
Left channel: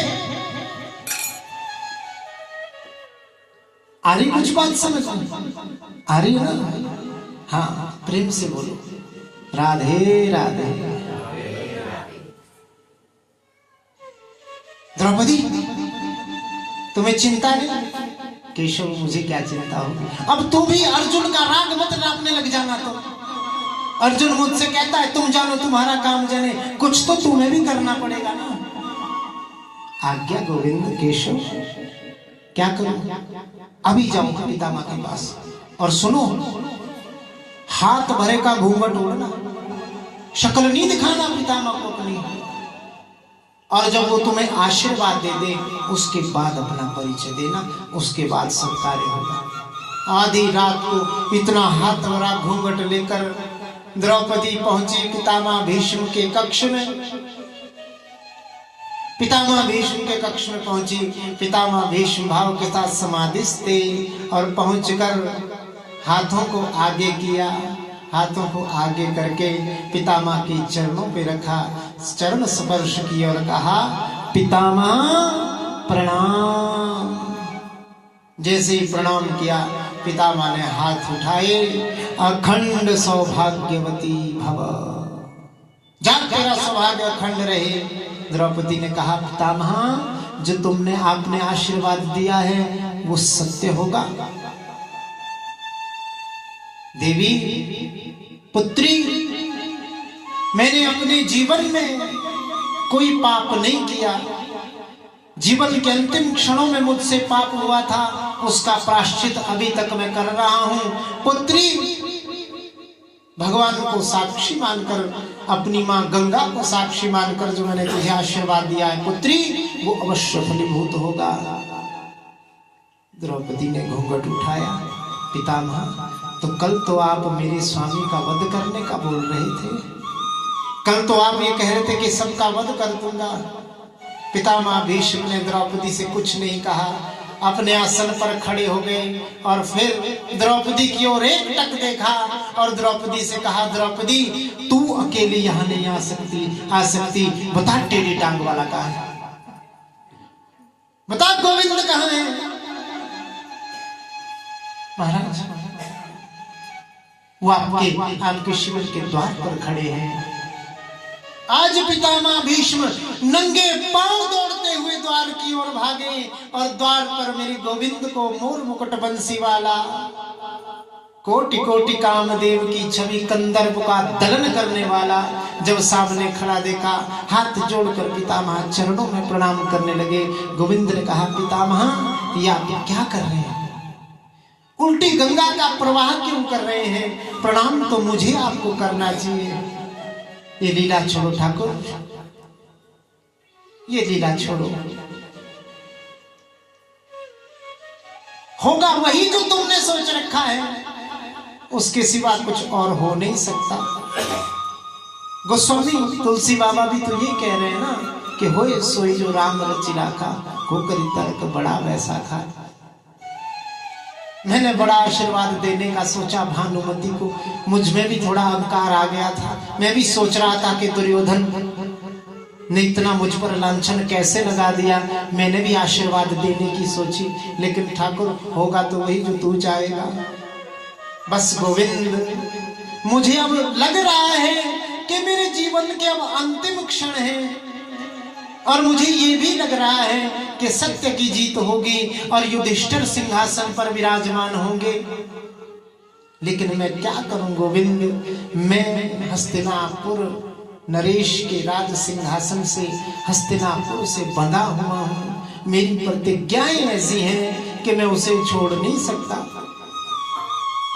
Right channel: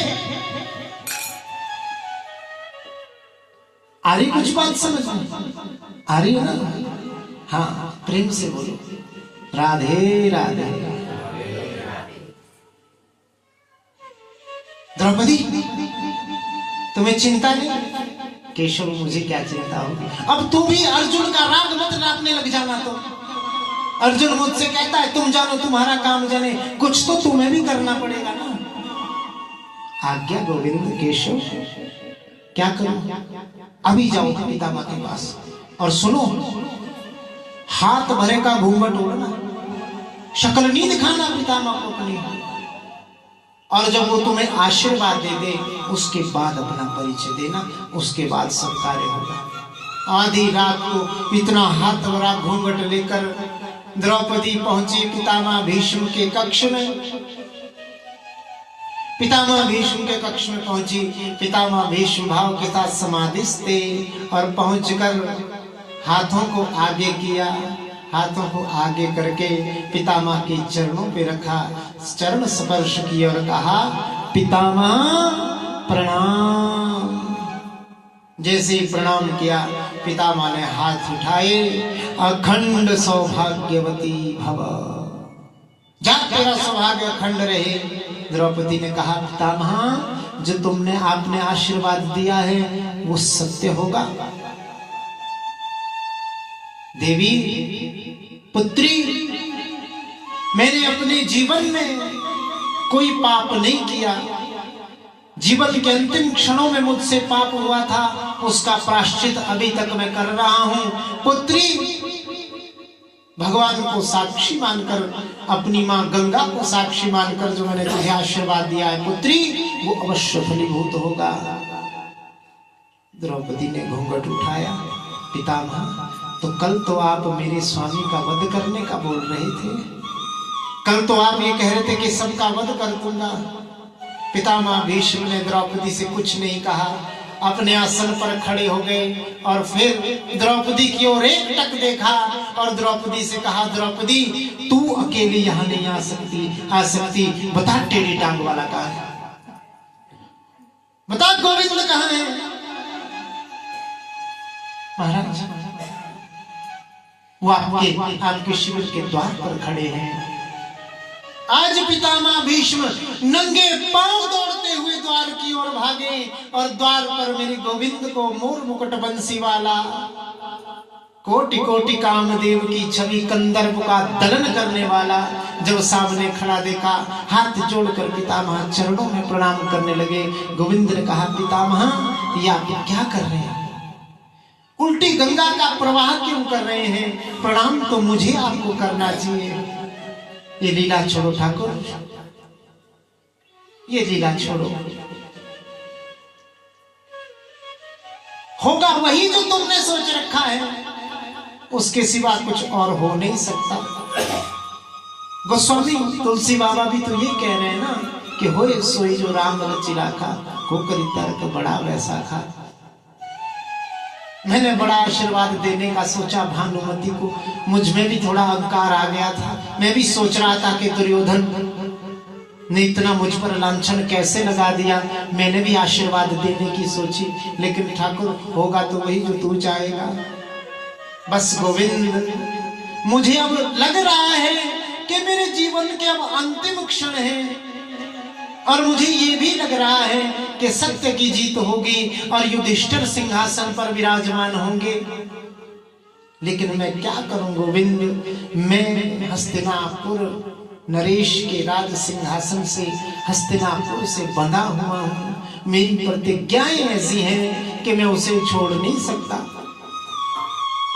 आ रही कुछ बात समझ आ रही है ना? हाँ, प्रेम से बोलो, राधे राधे। द्रौपदी, तुम्हें चिंता नहीं? केशव, मुझे क्या चिंता होगी, अब तुम भी अर्जुन का राग मत नापने लग जाना। तो अर्जुन मुझसे कहता है तुम जानो तुम्हारा काम जाने, कुछ तो तुम्हें भी करना पड़ेगा ना। आज्ञा गोविंद केशव, क्या करूं? अभी जाओ पितामह के पास और सुनो, हाथ भरे का घूंघट ओढ़ना, शक्ल नहीं दिखाना पितामह को अपनी, और जब वो तुम्हें आशीर्वाद दे दे उसके बाद अपना परिचय देना, उसके बाद सब कार्य होगा। आधी रात को इतना हाथ भरा घूंघट लेकर द्रौपदी पहुंची पितामह भीष्म के कक्ष में। पितामह भीष्म के कक्ष में पहुंची, पितामह भीष्म भाव के साथ समाधिस्थ थे और पहुंचकर हाथों को आगे किया, हाथों को आगे करके पितामह के चरणों पे रखा, चरण स्पर्श किया और कहा पितामह प्रणाम। जैसे ही प्रणाम किया पितामह ने हाथ उठाए, अखंड सौभाग्यवती भव, जा तेरा सौभाग्य अखंड रहे। द्रौपदी ने कहा पितामह जो तुमने आपने आशीर्वाद दिया है वो सत्य होगा। देवी पुत्री, मैंने अपने जीवन में कोई पाप नहीं किया, जीवन के अंतिम क्षणों में मुझसे पाप हुआ था, उसका प्रायश्चित अभी तक मैं कर रहा हूं। पुत्री, भगवान को साक्षी मानकर, अपनी मां गंगा को साक्षी मानकर जो मैंने तुझे आशीर्वाद दिया है पुत्री, वो अवश्य फलीभूत होगा। द्रौपदी ने घूंघट उठाया, पितामह तो कल तो आप मेरे स्वामी का वध करने का बोल रहे थे, कल तो आप ये कह रहे थे कि सबका वध कर दूंगा। पितामह भीष्म ने द्रौपदी से कुछ नहीं कहा, अपने आसन पर खड़े हो गए और फिर द्रौपदी की ओर एक टक देखा और द्रौपदी से कहा द्रौपदी तू अकेली यहां नहीं आ सकती, बता टेढ़ी टांग वाला कहाँ है, बता गोविंद कहाँ है। महाराज वो आपके शिविर के द्वार पर खड़े हैं। आज पितामह भीष्म नंगे पांव दौड़ते हुए द्वार की ओर भागे और द्वार पर मेरे गोविंद को मोर मुकुट बंसी वाला, कोटि कोटि कामदेव की छवि कंदर्प का दलन करने वाला जब सामने खड़ा देखा, हाथ जोड़कर पितामह चरणों में प्रणाम करने लगे। गोविंद ने कहा पितामह ये आप क्या कर रहे हैं, उल्टी गंगा का प्रवाह क्यों कर रहे हैं, प्रणाम तो मुझे आपको करना चाहिए। ये लीला छोड़ो ठाकुर, ये लीला छोड़ो, होगा वही जो तुमने सोच रखा है, उसके सिवा कुछ और हो नहीं सकता। गोस्वामी तुलसी बाबा भी तो ये कह रहे हैं ना कि होए सोई जो राम रचि राखा, होकर तर्क बड़ा वैसा खा। मैंने बड़ा आशीर्वाद देने का सोचा भानुमति को, मुझ में भी थोड़ा अहंकार आ गया था, मैं भी सोच रहा था कि दुर्योधन ने इतना मुझ पर लांछन कैसे लगा दिया, मैंने भी आशीर्वाद देने की सोची, लेकिन ठाकुर होगा तो वही जो तू चाहेगा। बस गोविंद मुझे अब लग रहा है कि मेरे जीवन के अब अंतिम क्षण है और मुझे ये भी लग रहा है कि सत्य की जीत होगी और युधिष्ठिर सिंहासन पर विराजमान होंगे, लेकिन मैं क्या करूं गोविंद, मैं हस्तिनापुर नरेश के राज सिंहासन से, हस्तिनापुर से बंधा हुआ हूं, मेरी प्रतिज्ञाएं ऐसी हैं कि मैं उसे छोड़ नहीं सकता।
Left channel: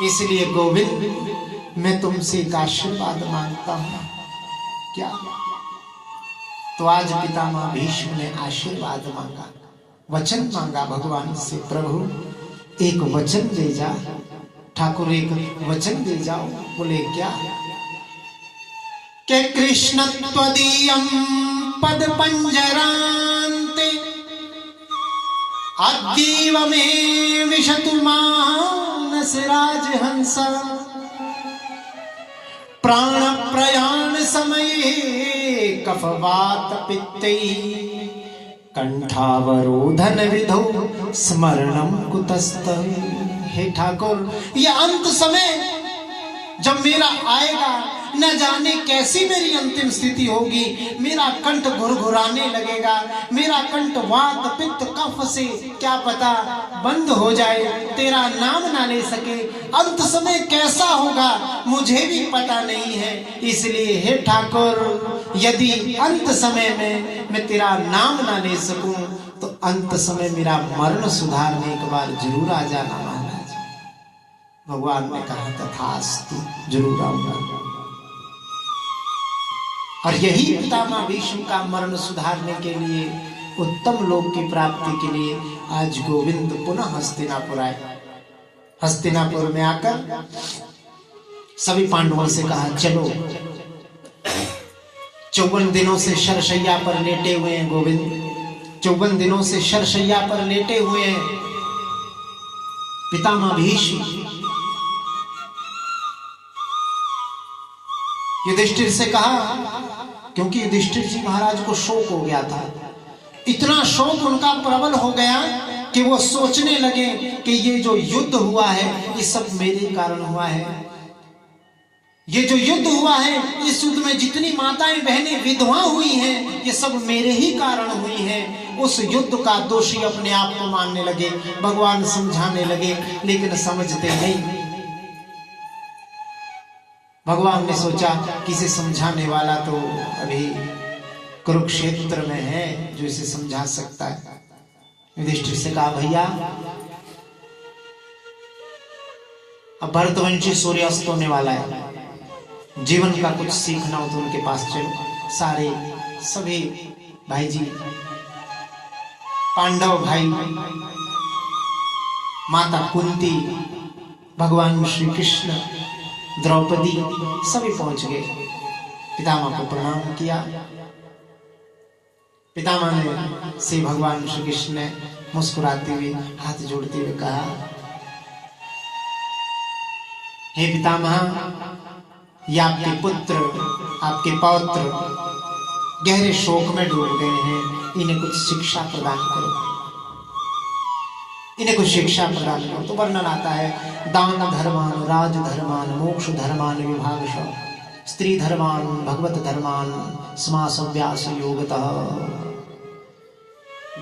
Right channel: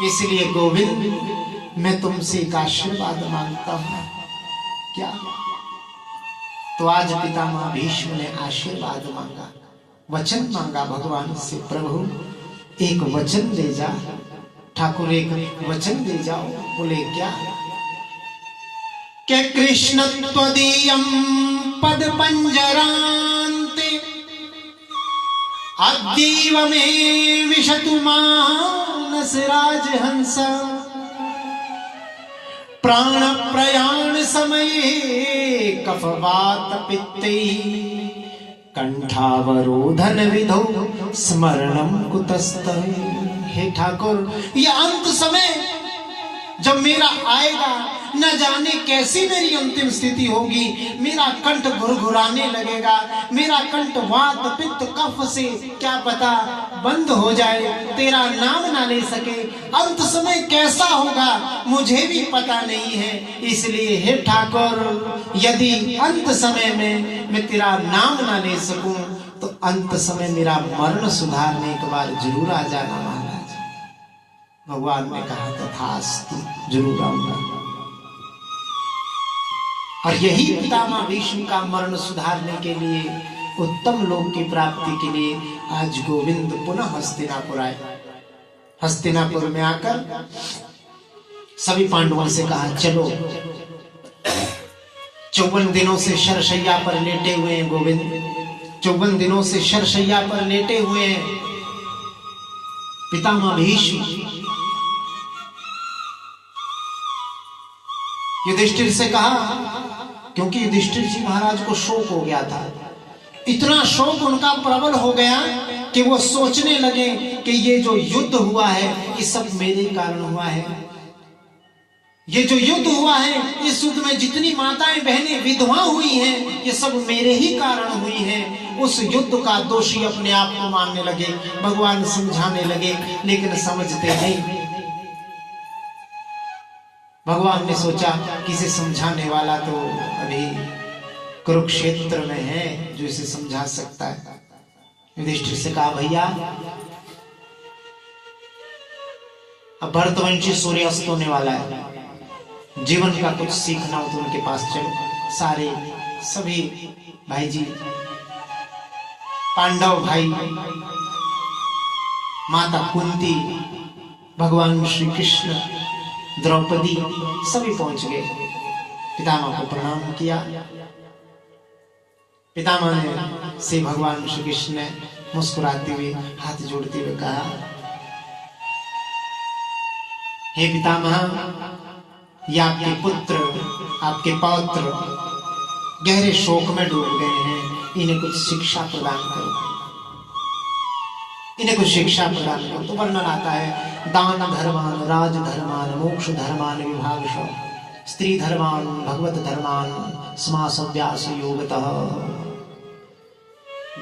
इसलिए गोविंद मैं तुमसे एक आशीर्वाद मांगता हूं। क्या? तो आज पितामह भीष्म ने आशीर्वाद मांगा, वचन मांगा भगवान से, प्रभु एक वचन दे जा, ठाकुर एक वचन दे जाओ। बोले क्या? के कृष्ण त्वदीयं पद पंजरान्ते अद्यैव मे विशतु मानस राजहंस प्राण प्रयाण समये कफवात पित्ते कंठावरोधन विधो स्मरणम कुतस्तवे। हे ठाकुर ये अंत समय जब मेरा आएगा, न जाने कैसी मेरी अंतिम स्थिति होगी। मेरा कंठ घुरघुराने लगेगा, मेरा कंठ वात पित्त कफ से क्या पता बंद हो जाए, तेरा नाम ना ले सके। अंत समय कैसा होगा मुझे भी पता नहीं है, इसलिए हे ठाकुर यदि अंत समय में मैं तेरा नाम ना ले सकूं तो अंत समय मेरा मरण सुधारने एक बार जरूर आ जाना महाराज। भगवान ने कहा तथास्तु, जरूर आऊंगा। और यही पितामह भीष्म का मरण सुधारने के लिए, उत्तम लोक की प्राप्ति के लिए आज गोविंद पुनः हस्तिनापुर आए। हस्तिनापुर में आकर सभी पांडवों से कहा चलो, 54 दिनों से शरशैया पर लेटे हुए हैं गोविंद, 54 दिनों से शरशैया पर लेटे हुए हैं पितामह भीष्म। युधिष्ठिर से कहा, क्योंकि युधिष्ठिर जी महाराज को शोक हो गया था, इतना शोक उनका प्रबल हो गया कि वो सोचने लगे कि ये जो युद्ध हुआ है ये सब मेरे कारण हुआ है। ये जो युद्ध हुआ है, इस युद्ध में जितनी माताएं बहनें विधवा हुई हैं, ये सब मेरे ही कारण हुई हैं। उस युद्ध का दोषी अपने आप को मानने लगे। भगवान समझाने लगे लेकिन समझते नहीं। भगवान ने सोचा किसे समझाने वाला तो अभी कुरुक्षेत्र में है जो इसे समझा सकता है। युधिष्ठिर से कहा, भैया अब भरतवंशी सूर्यास्त होने वाला है, जीवन का कुछ सीखना हो तो उनके पास चलो। सारे सभी भाई जी, पांडव भाई, माता कुंती, भगवान श्री कृष्ण, द्रौपदी सभी पहुंच गए। पितामह को प्रणाम किया। पितामह ने से भगवान श्री कृष्ण ने मुस्कुराते हुए हाथ जोड़ते हुए कहा, हे पितामह, ये आपके पुत्र, आपके पौत्र गहरे शोक में डूब गए हैं, इन्हें कुछ शिक्षा प्रदान करो, इन्हें कुछ शिक्षा प्रदान करो। तो वर्णन आता है, दान धर्मान, राज धर्मान, मोक्ष धर्मान विभागश, स्त्री धर्मान, भगवत धर्मान, समास अभ्यास योगतः।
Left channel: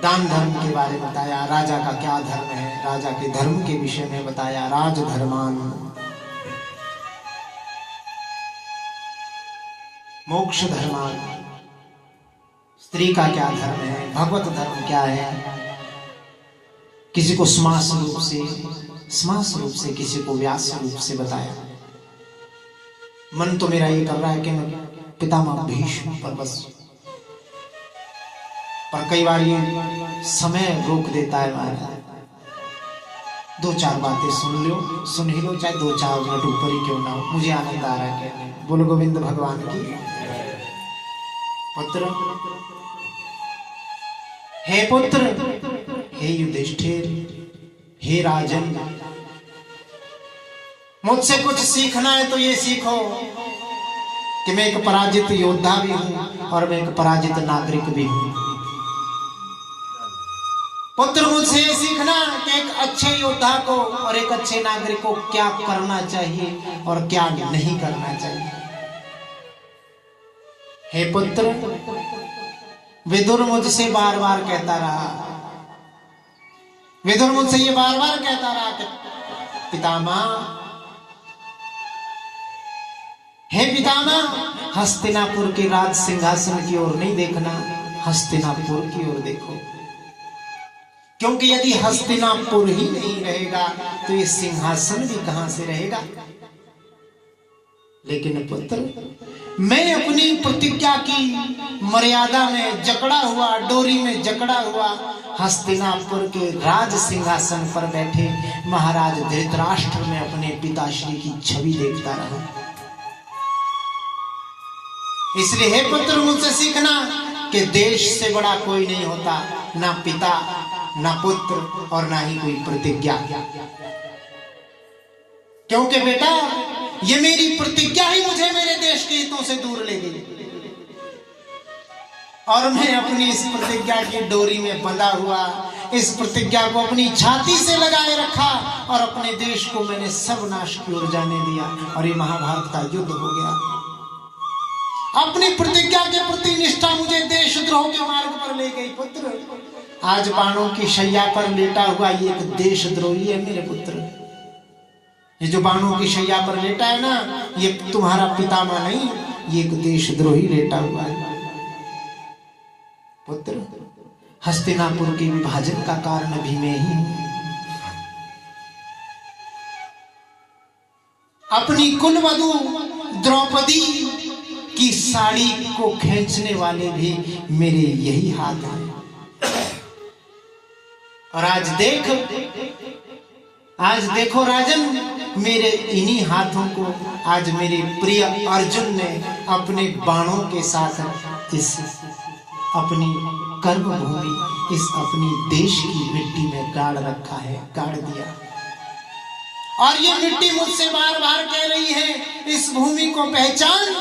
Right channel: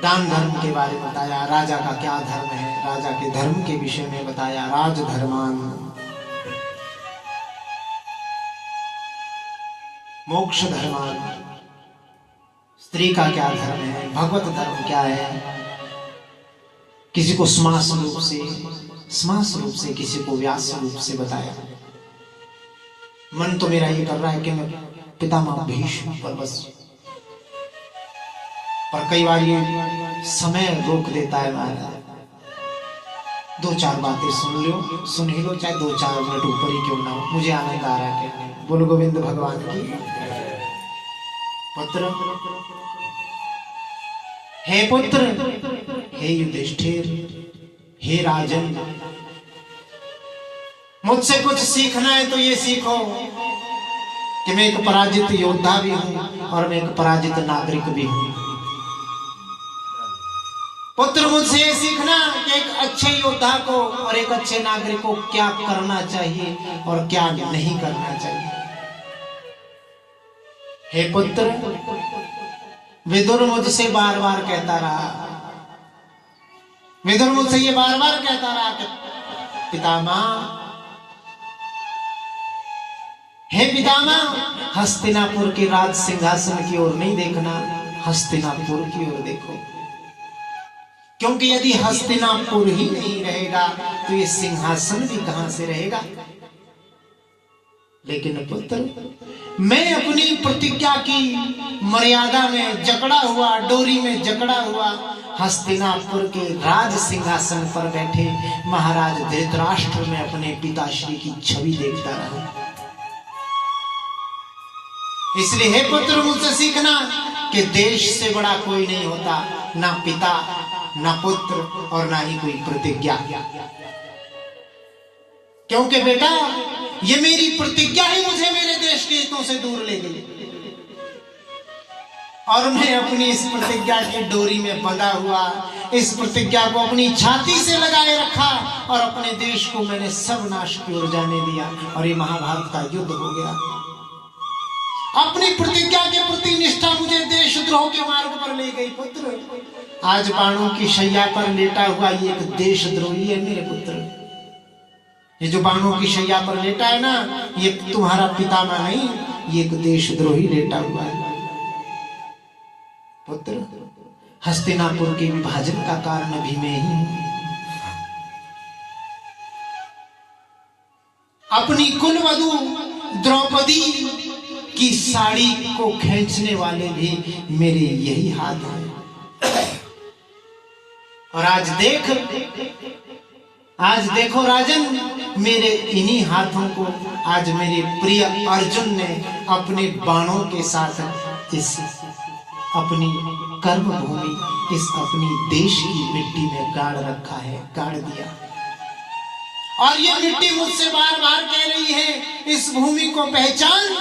दान धर्म के बारे में बताया, राजा का क्या धर्म है, राजा के धर्म के विषय में बताया, राज धर्मान। मोक्ष धर्मान, स्त्री का क्या धर्म है, भगवत धर्म क्या है। किसी को समास रूप से, किसी को व्यास रूप से बताया। मन तो मेरा ये कर रहा है कि मैं पितामह भीष्म पर बस, पर कई बार ये समय रोक देता है महाराज। 2-4 बातें सुन ही लो, चाहे 2-4 मिनट ऊपर ही क्यों ना हो, मुझे आनंद आ रहा है कहने। बोलो गोविंद भगवान की। पुत्र, हे पुत्र, हे युधिष्ठिर, हे राजन, मुझसे कुछ सीखना है तो ये सीखो कि मैं एक पराजित योद्धा भी हूं और मैं एक पराजित नागरिक भी हूं। पुत्र, मुझसे ये सीखना कि एक अच्छे योद्धा को और एक अच्छे नागरिक को क्या करना चाहिए और क्या नहीं करना चाहिए। हे पुत्र, विदुर मुझसे बार बार कहता रहा, विदुर मुझसे ये बार बार कहता रहा कि पितामह, हे पितामह, हस्तिनापुर के राज सिंहासन की ओर नहीं देखना, हस्तिनापुर की ओर देखो, क्योंकि यदि हस्तिनापुर ही नहीं रहेगा तो ये सिंहासन भी कहां से रहेगा। लेकिन पुत्र, मैं अपनी प्रतिज्ञा की मर्यादा में जकड़ा हुआ, डोरी में जकड़ा हुआ, हस्तिनापुर के राज सिंहासन पर बैठे महाराज धृतराष्ट्र में अपने पिताश्री की छवि देखता रहा। इसलिए हे पुत्र, मुझसे सीखना कि देश से बड़ा कोई नहीं होता, ना पिता, ना पुत्र और ना ही कोई प्रतिज्ञा। क्योंकि बेटा, ये मेरी प्रतिज्ञा ही मुझे मेरे देश के हितों से दूर ले गई और मैं अपनी इस प्रतिज्ञा की डोरी में बंधा हुआ, इस प्रतिज्ञा को अपनी छाती से लगाए रखा और अपने देश को मैंने सर्वनाश की ओर जाने दिया और ये महाभारत का युद्ध हो गया। अपनी प्रतिज्ञा के प्रति निष्ठा मुझे देशद्रोह के मार्ग पर ले गई। पुत्र, आज बाणों की शैया पर लेटा हुआ ये एक देशद्रोही है मेरे पुत्र। ये जो बाणों की शैया पर लेटा है ना, ये तुम्हारा पितामह नहीं, ये एक देशद्रोही लेटा हुआ है। पुत्र, हस्तिनापुर के विभाजन का कारण भी मैं ही हूं। अपनी कुलवधू द्रौपदी की साड़ी को खींचने वाले भी मेरे यही हाथ हैं। और आज देखो राजन, मेरे इन्हीं हाथों को आज मेरे प्रिय अर्जुन ने अपने बाणों के साथ इस अपनी कर्मभूमि, इस अपनी देश की मिट्टी में गाड़ रखा है, गाड़ दिया। और ये मिट्टी मुझसे बार बार कह रही है, इस भूमि को पहचान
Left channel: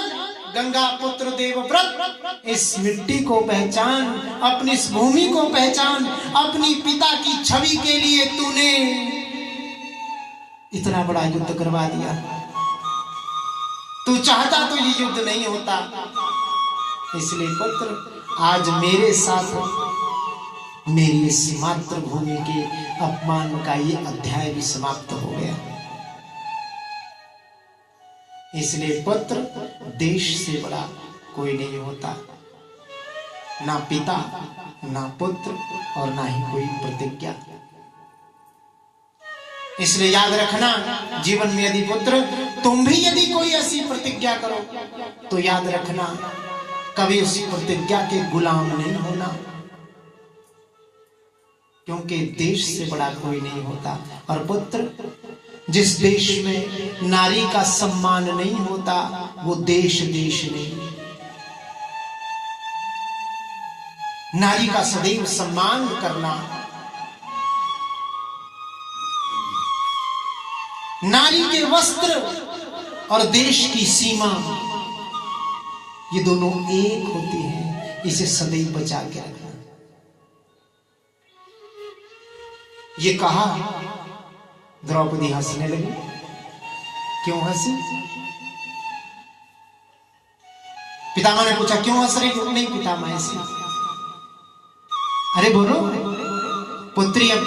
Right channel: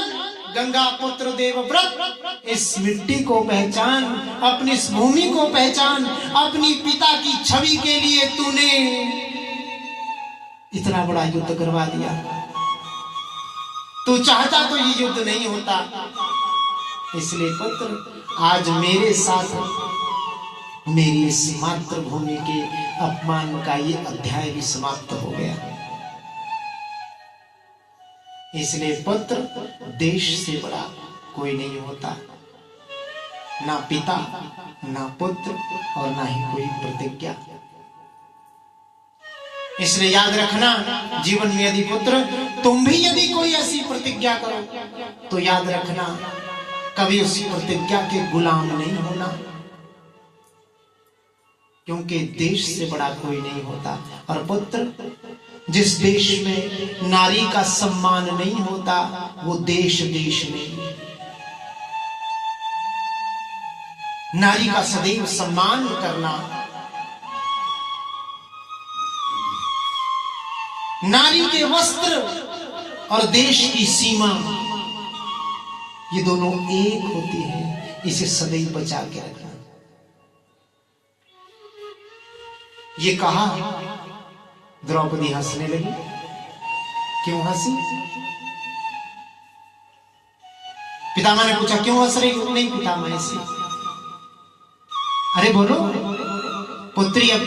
गंगा पुत्र देवव्रत, इस मिट्टी को पहचान, अपनी इस भूमि को पहचान। अपनी पिता की छवि के लिए तूने इतना बड़ा युद्ध करवा दिया। तू चाहता तो ये युद्ध नहीं होता। इसलिए पुत्र, आज मेरे साथ मेरी इस मातृभूमि के अपमान का ये अध्याय भी समाप्त हो गया। इसलिए पुत्र, देश से बड़ा कोई नहीं होता, ना पिता, ना पुत्र और ना ही कोई प्रतिज्ञा। इसलिए याद रखना, जीवन में यदि पुत्र तुम भी यदि कोई ऐसी प्रतिज्ञा करो तो याद रखना, कभी उस प्रतिज्ञा के गुलाम नहीं होना, क्योंकि देश से बड़ा कोई नहीं होता। और पुत्र, जिस देश में नारी का सम्मान नहीं होता वो देश नहीं। नारी का सदैव सम्मान करना, नारी के वस्त्र और देश की सीमा, ये दोनों एक होती है, इसे सदैव बचा के रखना। ये कहा, द्रौपदी हंसने लगी। क्यों हंसी? पितामह ने पूछा, क्यों हंस रही हो? नहीं पितामह, ऐसी। अरे बोलो पुत्री, अब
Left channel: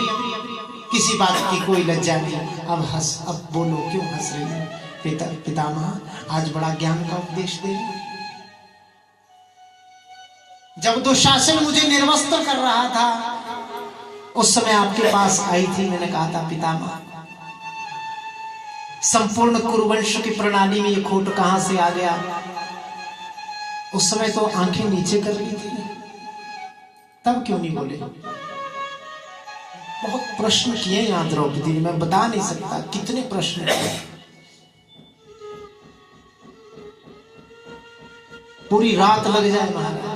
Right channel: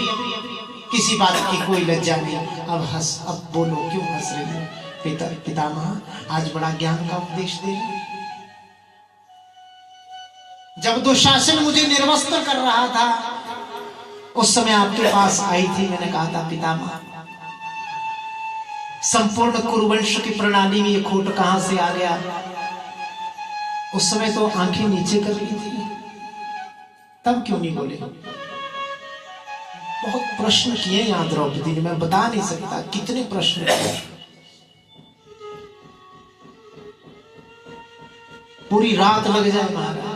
किसी बात की कोई लज्जा नहीं, अब बोलो क्यों हंस रही हो? पितामह, आज बड़ा ज्ञान का उपदेश दे रही। जब दुशासन मुझे निर्वस्त्र कर रहा था, उस समय आपके पास आई थी, मैंने कहा था पितामह, संपूर्ण कुरुवंश की प्रणाली में ये खोट कहां से आ गया? उस समय तो आंखें नीचे कर ली थी, तब क्यों नहीं बोले? बहुत प्रश्न किए यहां द्रौपदी ने, मैं बता नहीं सकता कितने प्रश्न किए। पूरी रात लग जाए महाराज,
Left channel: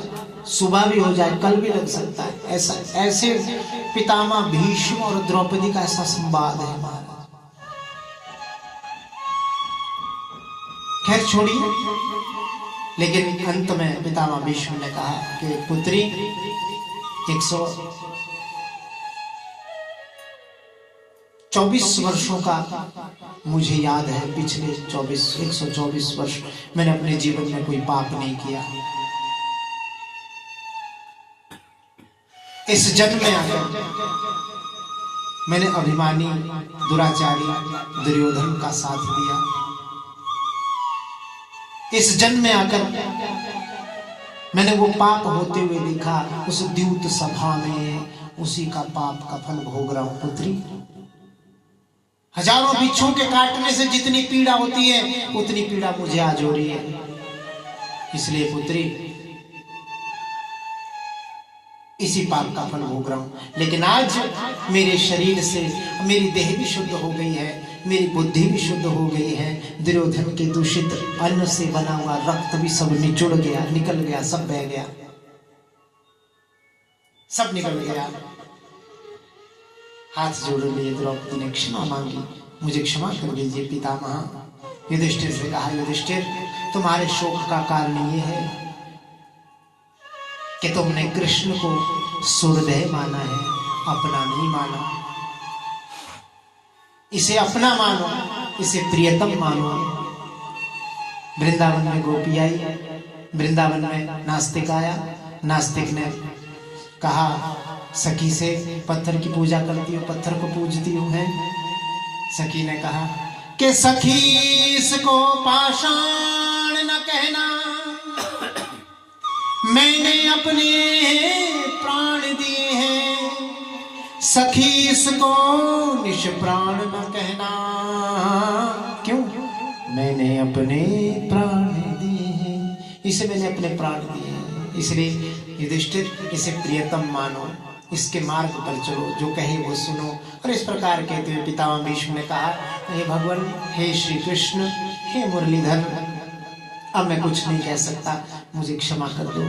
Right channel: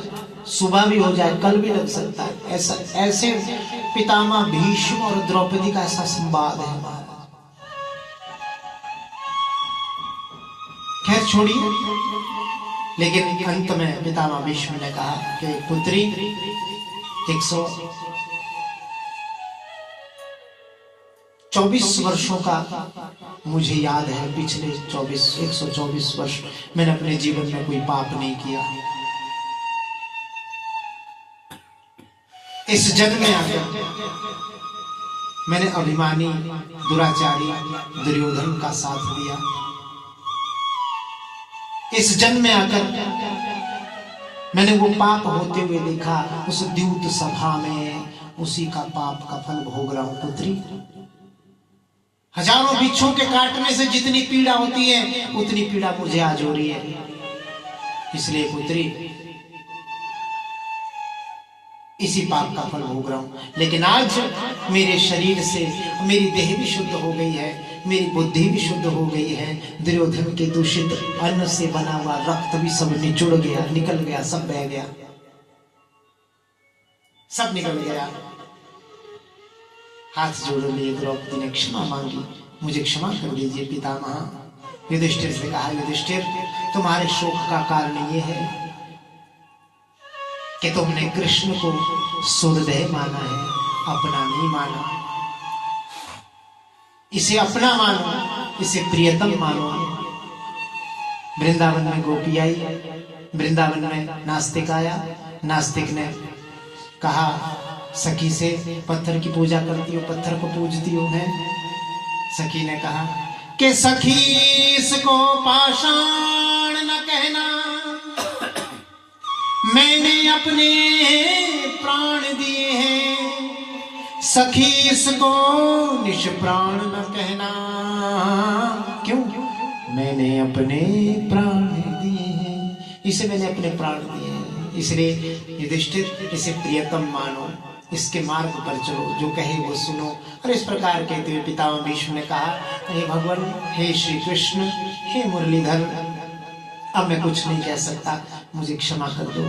सुबह भी हो जाए, कल भी लग सकता है। ऐसा ऐसे पितामह भीष्म और द्रौपदी का ऐसा संवाद है महाराज। खैर छोड़िए, लेकिन अंत में पितामह भीष्म ने कहा कि पुत्री, 124 वर्षों का मुझे याद है, पिछले 124 वर्ष मैंने अपने जीवन में कोई पाप नहीं किया। इस जन्म में आकर मैंने अभिमानी दुराचारी दुर्योधन का साथ दिया। इस जन्म में आकर मैंने वो पाप होते हुए देखा, उस द्यूत सभा में उसी का पाप का फल भोग रहा हूं पुत्री। हजारों बिच्छों के काटने से जितनी पीड़ा होती है, उतनी पीड़ा मुझे आज हो रही है। इसलिए पुत्री, इसी पाप का फल भोग रहा हूं। लेकिन आज मेरे शरीर से मेरी देह भी शुद्ध हो गई है, मेरी बुद्धि भी शुद्ध हो गई है। दुर्योधन के दूषित अन्न से बना हुआ रक्त भी सब निचुड़ गया, निकल गया, सब बह गया, सब निकल गया। हाथ जोड़ लिए द्रौपदी ने क्षमा मांगी, मुझे क्षमा कर दीजिए पितामह। युधिष्ठिर से कहा, युधिष्ठिर, तुम्हारे शोक का कारण ये है कि तुमने कृष्ण को सूर्यदेह माना है, अपना नहीं माना। इसे अपना मानो, इसे प्रियतम मानो। वृंदावन में गोपी आई, वृंदावन में नास्तिक आया। नास्तिक ने कहा सखी से, पत्थर की पूजा करती हो, पत्थर को पूजती हो है। सखी ने कहा कि सखी इसको पाषाण न कहना, मैंने अपने प्राण दिए हैं। सखी इसको निष्प्राण न कहना, क्यों? मैंने अपने प्राण दिए हैं, इसे मैंने अपने प्राण दिए हैं, इसलिए युधिष्ठिर इसे प्रियतम मानो, इसके मार्ग पर चलो, जो कहे वो सुनो। और इस प्रकार कहते हुए पितामह भीष्म ने कहा, हे भगवान, हे श्री कृष्ण, हे मुरलीधर, अब मैं कुछ नहीं कह सकता, मुझे क्षमा कर दो।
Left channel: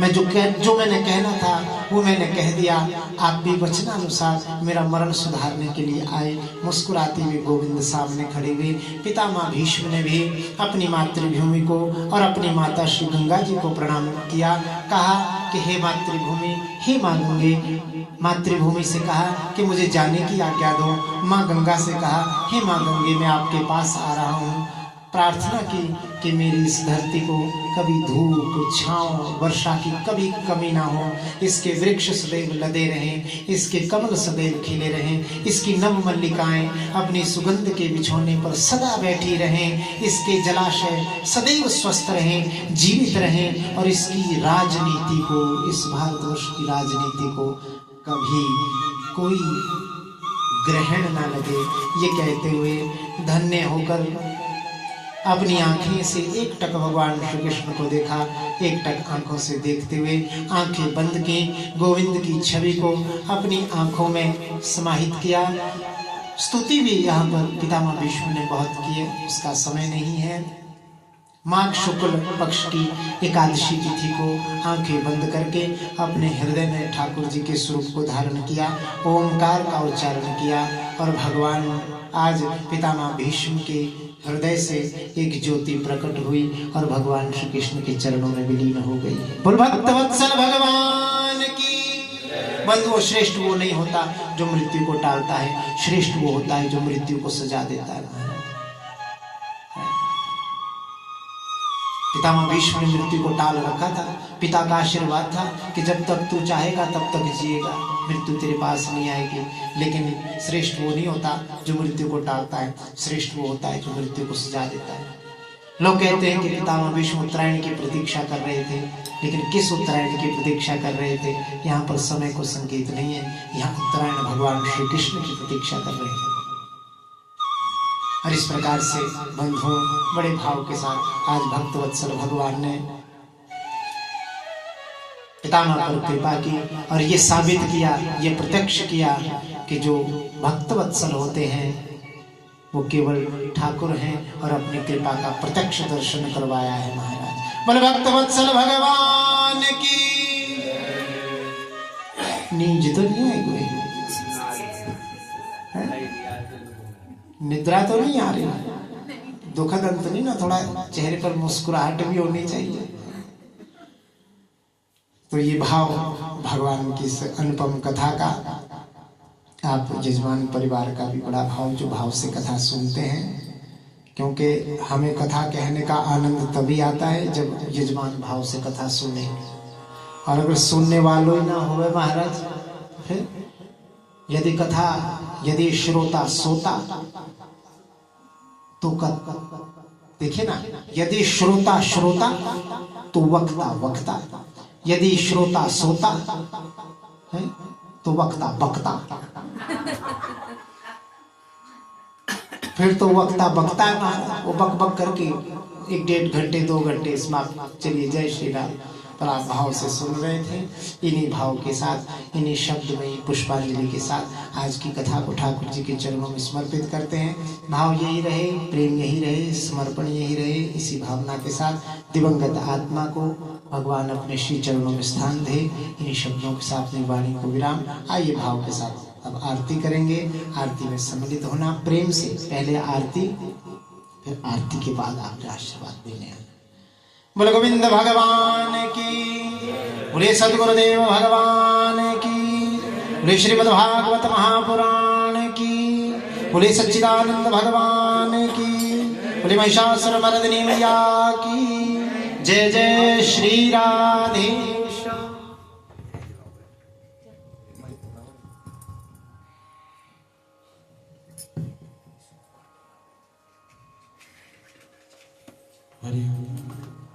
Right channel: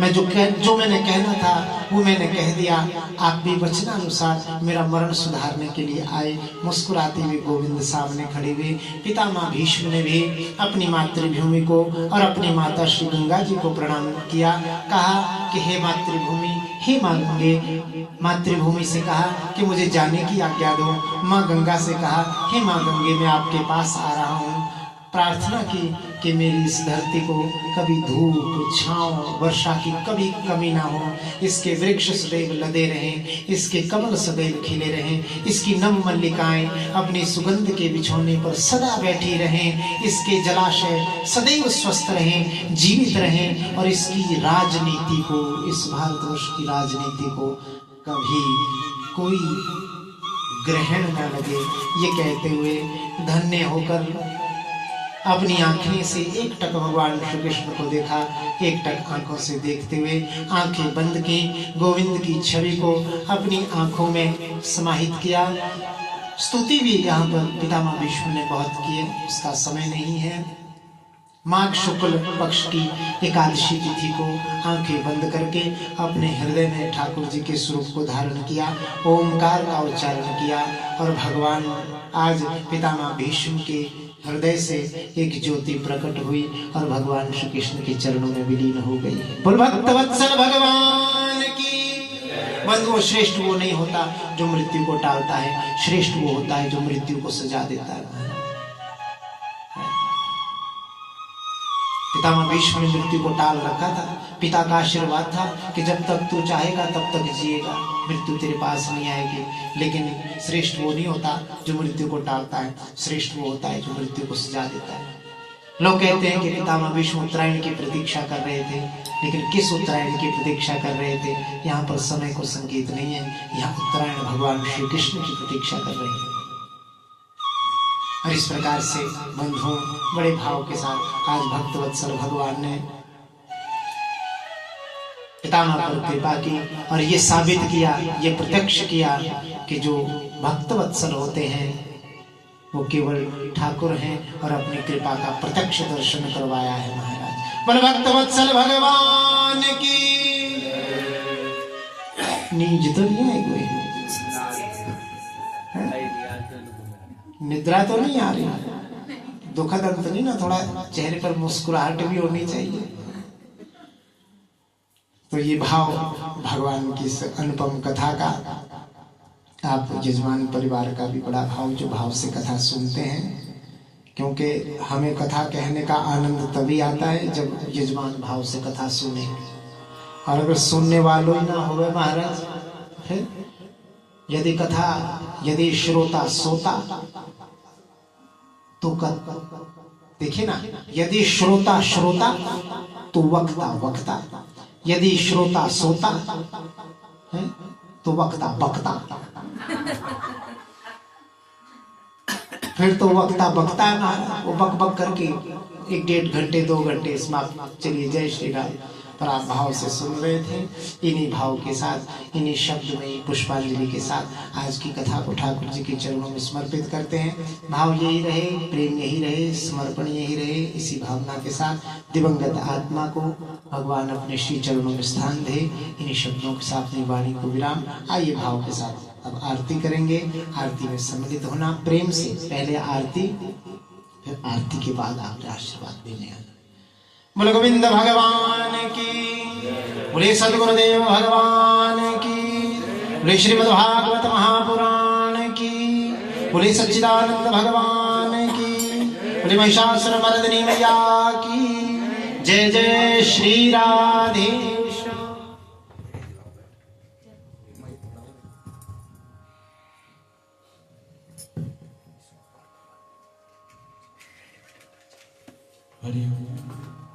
मैं जो मैंने कहना था वो मैंने कह दिया। आप भी वचनानुसार मेरा मरण सुधारने के लिए आए। मुस्कुराते हुए गोविंद सामने खड़े हुए। पितामह भीष्म ने भी अपनी मातृभूमि को और अपनी माता श्री गंगा जी को प्रणाम किया। कहा कि हे मातृभूमि, हे माँ गंगे। मातृभूमि से कहा कि मुझे जाने की आज्ञा दो। माँ गंगा से कहा, हे माँ गंगे, मैं आपके पास आ रहा हूँ। प्रार्थना की कि मेरी इस धरती को कभी धूप, छांव, वर्षा की कभी कमी ना हो। इसके वृक्ष सदैव लदे रहें, इसके कमल सदैव खिले रहें, इसकी नव मल्लिकाएं अपनी सुगंध के बिछौने पर सदा बैठी रहें, इसके जलाशय सदैव स्वस्थ रहें, जीवित रहें, और इसकी राजनीति को, इस भारतवर्ष की राजनीति को कभी कोई ग्रहण न लगे। ये कहते हुए धन्य होकर अपनी आंखें से एक टक भगवान श्री कृष्ण को देखा। एक टक आंखों से देखते हुए आंखें बंद की, गोविंद की छवि को अपनी आंखों में समाहित किया। स्तुति भी यहाँ पर पितामह भीष्म ने बहुत की, उसका समय नहीं है। माघ शुक्ल पक्ष की एकादशी तिथि को आंखें बंद करके अपने हृदय में ठाकुर जी के स्वरूप को धारण किया, ओमकार का उच्चारण किया, और भगवान आज पितामह भीष्म के हृदय से एक ज्योति प्रकट हुई और भगवान श्री कृष्ण के चरणों में विलीन हो गई। बोल भक्तवत्सल भगवान की। बंधुओं, श्रेष्ठ वो नहीं होता जो मृत्यु को टालता है, श्रेष्ठ वो होता है जो मृत्यु को सजा देता है। पितामह भीष्म ने मृत्यु को टाल रखा था। पिता का आशीर्वाद था कि जब तक तू चाहेगा तब तक जिएगा, मृत्यु तेरे पास नहीं आएगी। लेकिन श्रेष्ठ वो नहीं होता जो मृत्यु को टालता है, श्रेष्ठ वो होता है जो मृत्यु को सजा देता है। लोग कहते हैं कि पितामह भीष्म उत्तरायण की प्रतीक्षा कर रहे थे, लेकिन किस उत्तरायण की प्रतीक्षा कर रहे थे? यहाँ पर समय को संकेत नहीं है। यहाँ उत्तरायण भगवान श्री कृष्ण की प्रतीक्षा कर रहे हैं। और इस प्रकार से बंधुओं, बड़े भाव के साथ आज भक्तवत्सल भगवान ने पितामह पर कृपा की और ये साबित किया, ये प्रत्यक्ष किया कि जो भक्तवत्सल होते हैं वो केवल ठाकुर हैं, और अपनी कृपा का प्रत्यक्ष दर्शन करवाया है महाराज। बोल भक्तवत्सल भगवान की। नींद तो नहीं है कोई, निद्रा तो नहीं आ रही, दुखद अंत नहीं ना, थोड़ा चेहरे पर मुस्कुराहट भी होनी चाहिए। तो ये भाव भगवान की इस अनुपम कथा का, आप यजमान परिवार का भी बड़ा भाव, जो भाव से कथा सुनते हैं, क्योंकि हमें कथा कहने का आनंद तभी आता है जब यजमान भाव से कथा सुने। और अगर सुनने वालों ही ना हुए महाराज, फिर यदि श्रोता सोता तो देखिए ना, यदि श्रोता तो वक्ता, यदि श्रोता सोता है तो वक्ता बकता। फिर तो वक्ता बकता है महाराज, वो बक बक करके 1-1.5 घंटे 2 घंटे समाप्त। चलिए, जय श्री राम। पर आप भाव से सुन रहे थे। इन्हीं भाव के साथ, इन्हीं शब्द में पुष्पांजलि के साथ आज की कथा को ठाकुर जी के चरणों में समर्पित करते हैं। भाव यही रहे, प्रेम यही रहे, समर्पण यही रहे। इसी भावना के साथ दिवंगत आत्मा को भगवान अपने श्री चरणों में स्थान दे। इन्हीं शब्दों के साथ अपनी वाणी को विराम। आइए भाव के साथ अब आरती करेंगे। आरती में सम्मिलित होना प्रेम से, पहले आरती, फिर आरती के बाद आप आशीर्वाद देने आना। बोल गोविंद भगवान की, बोले सदगुरुदेव भगवान की, बोले श्रीमद् भागवत महापुराण की, बोले सच्चिदानंद भगवान की, बोले महिषासुर मर्दिनी मैया की, जय जय श्री राधे श्याम। हरि ओम।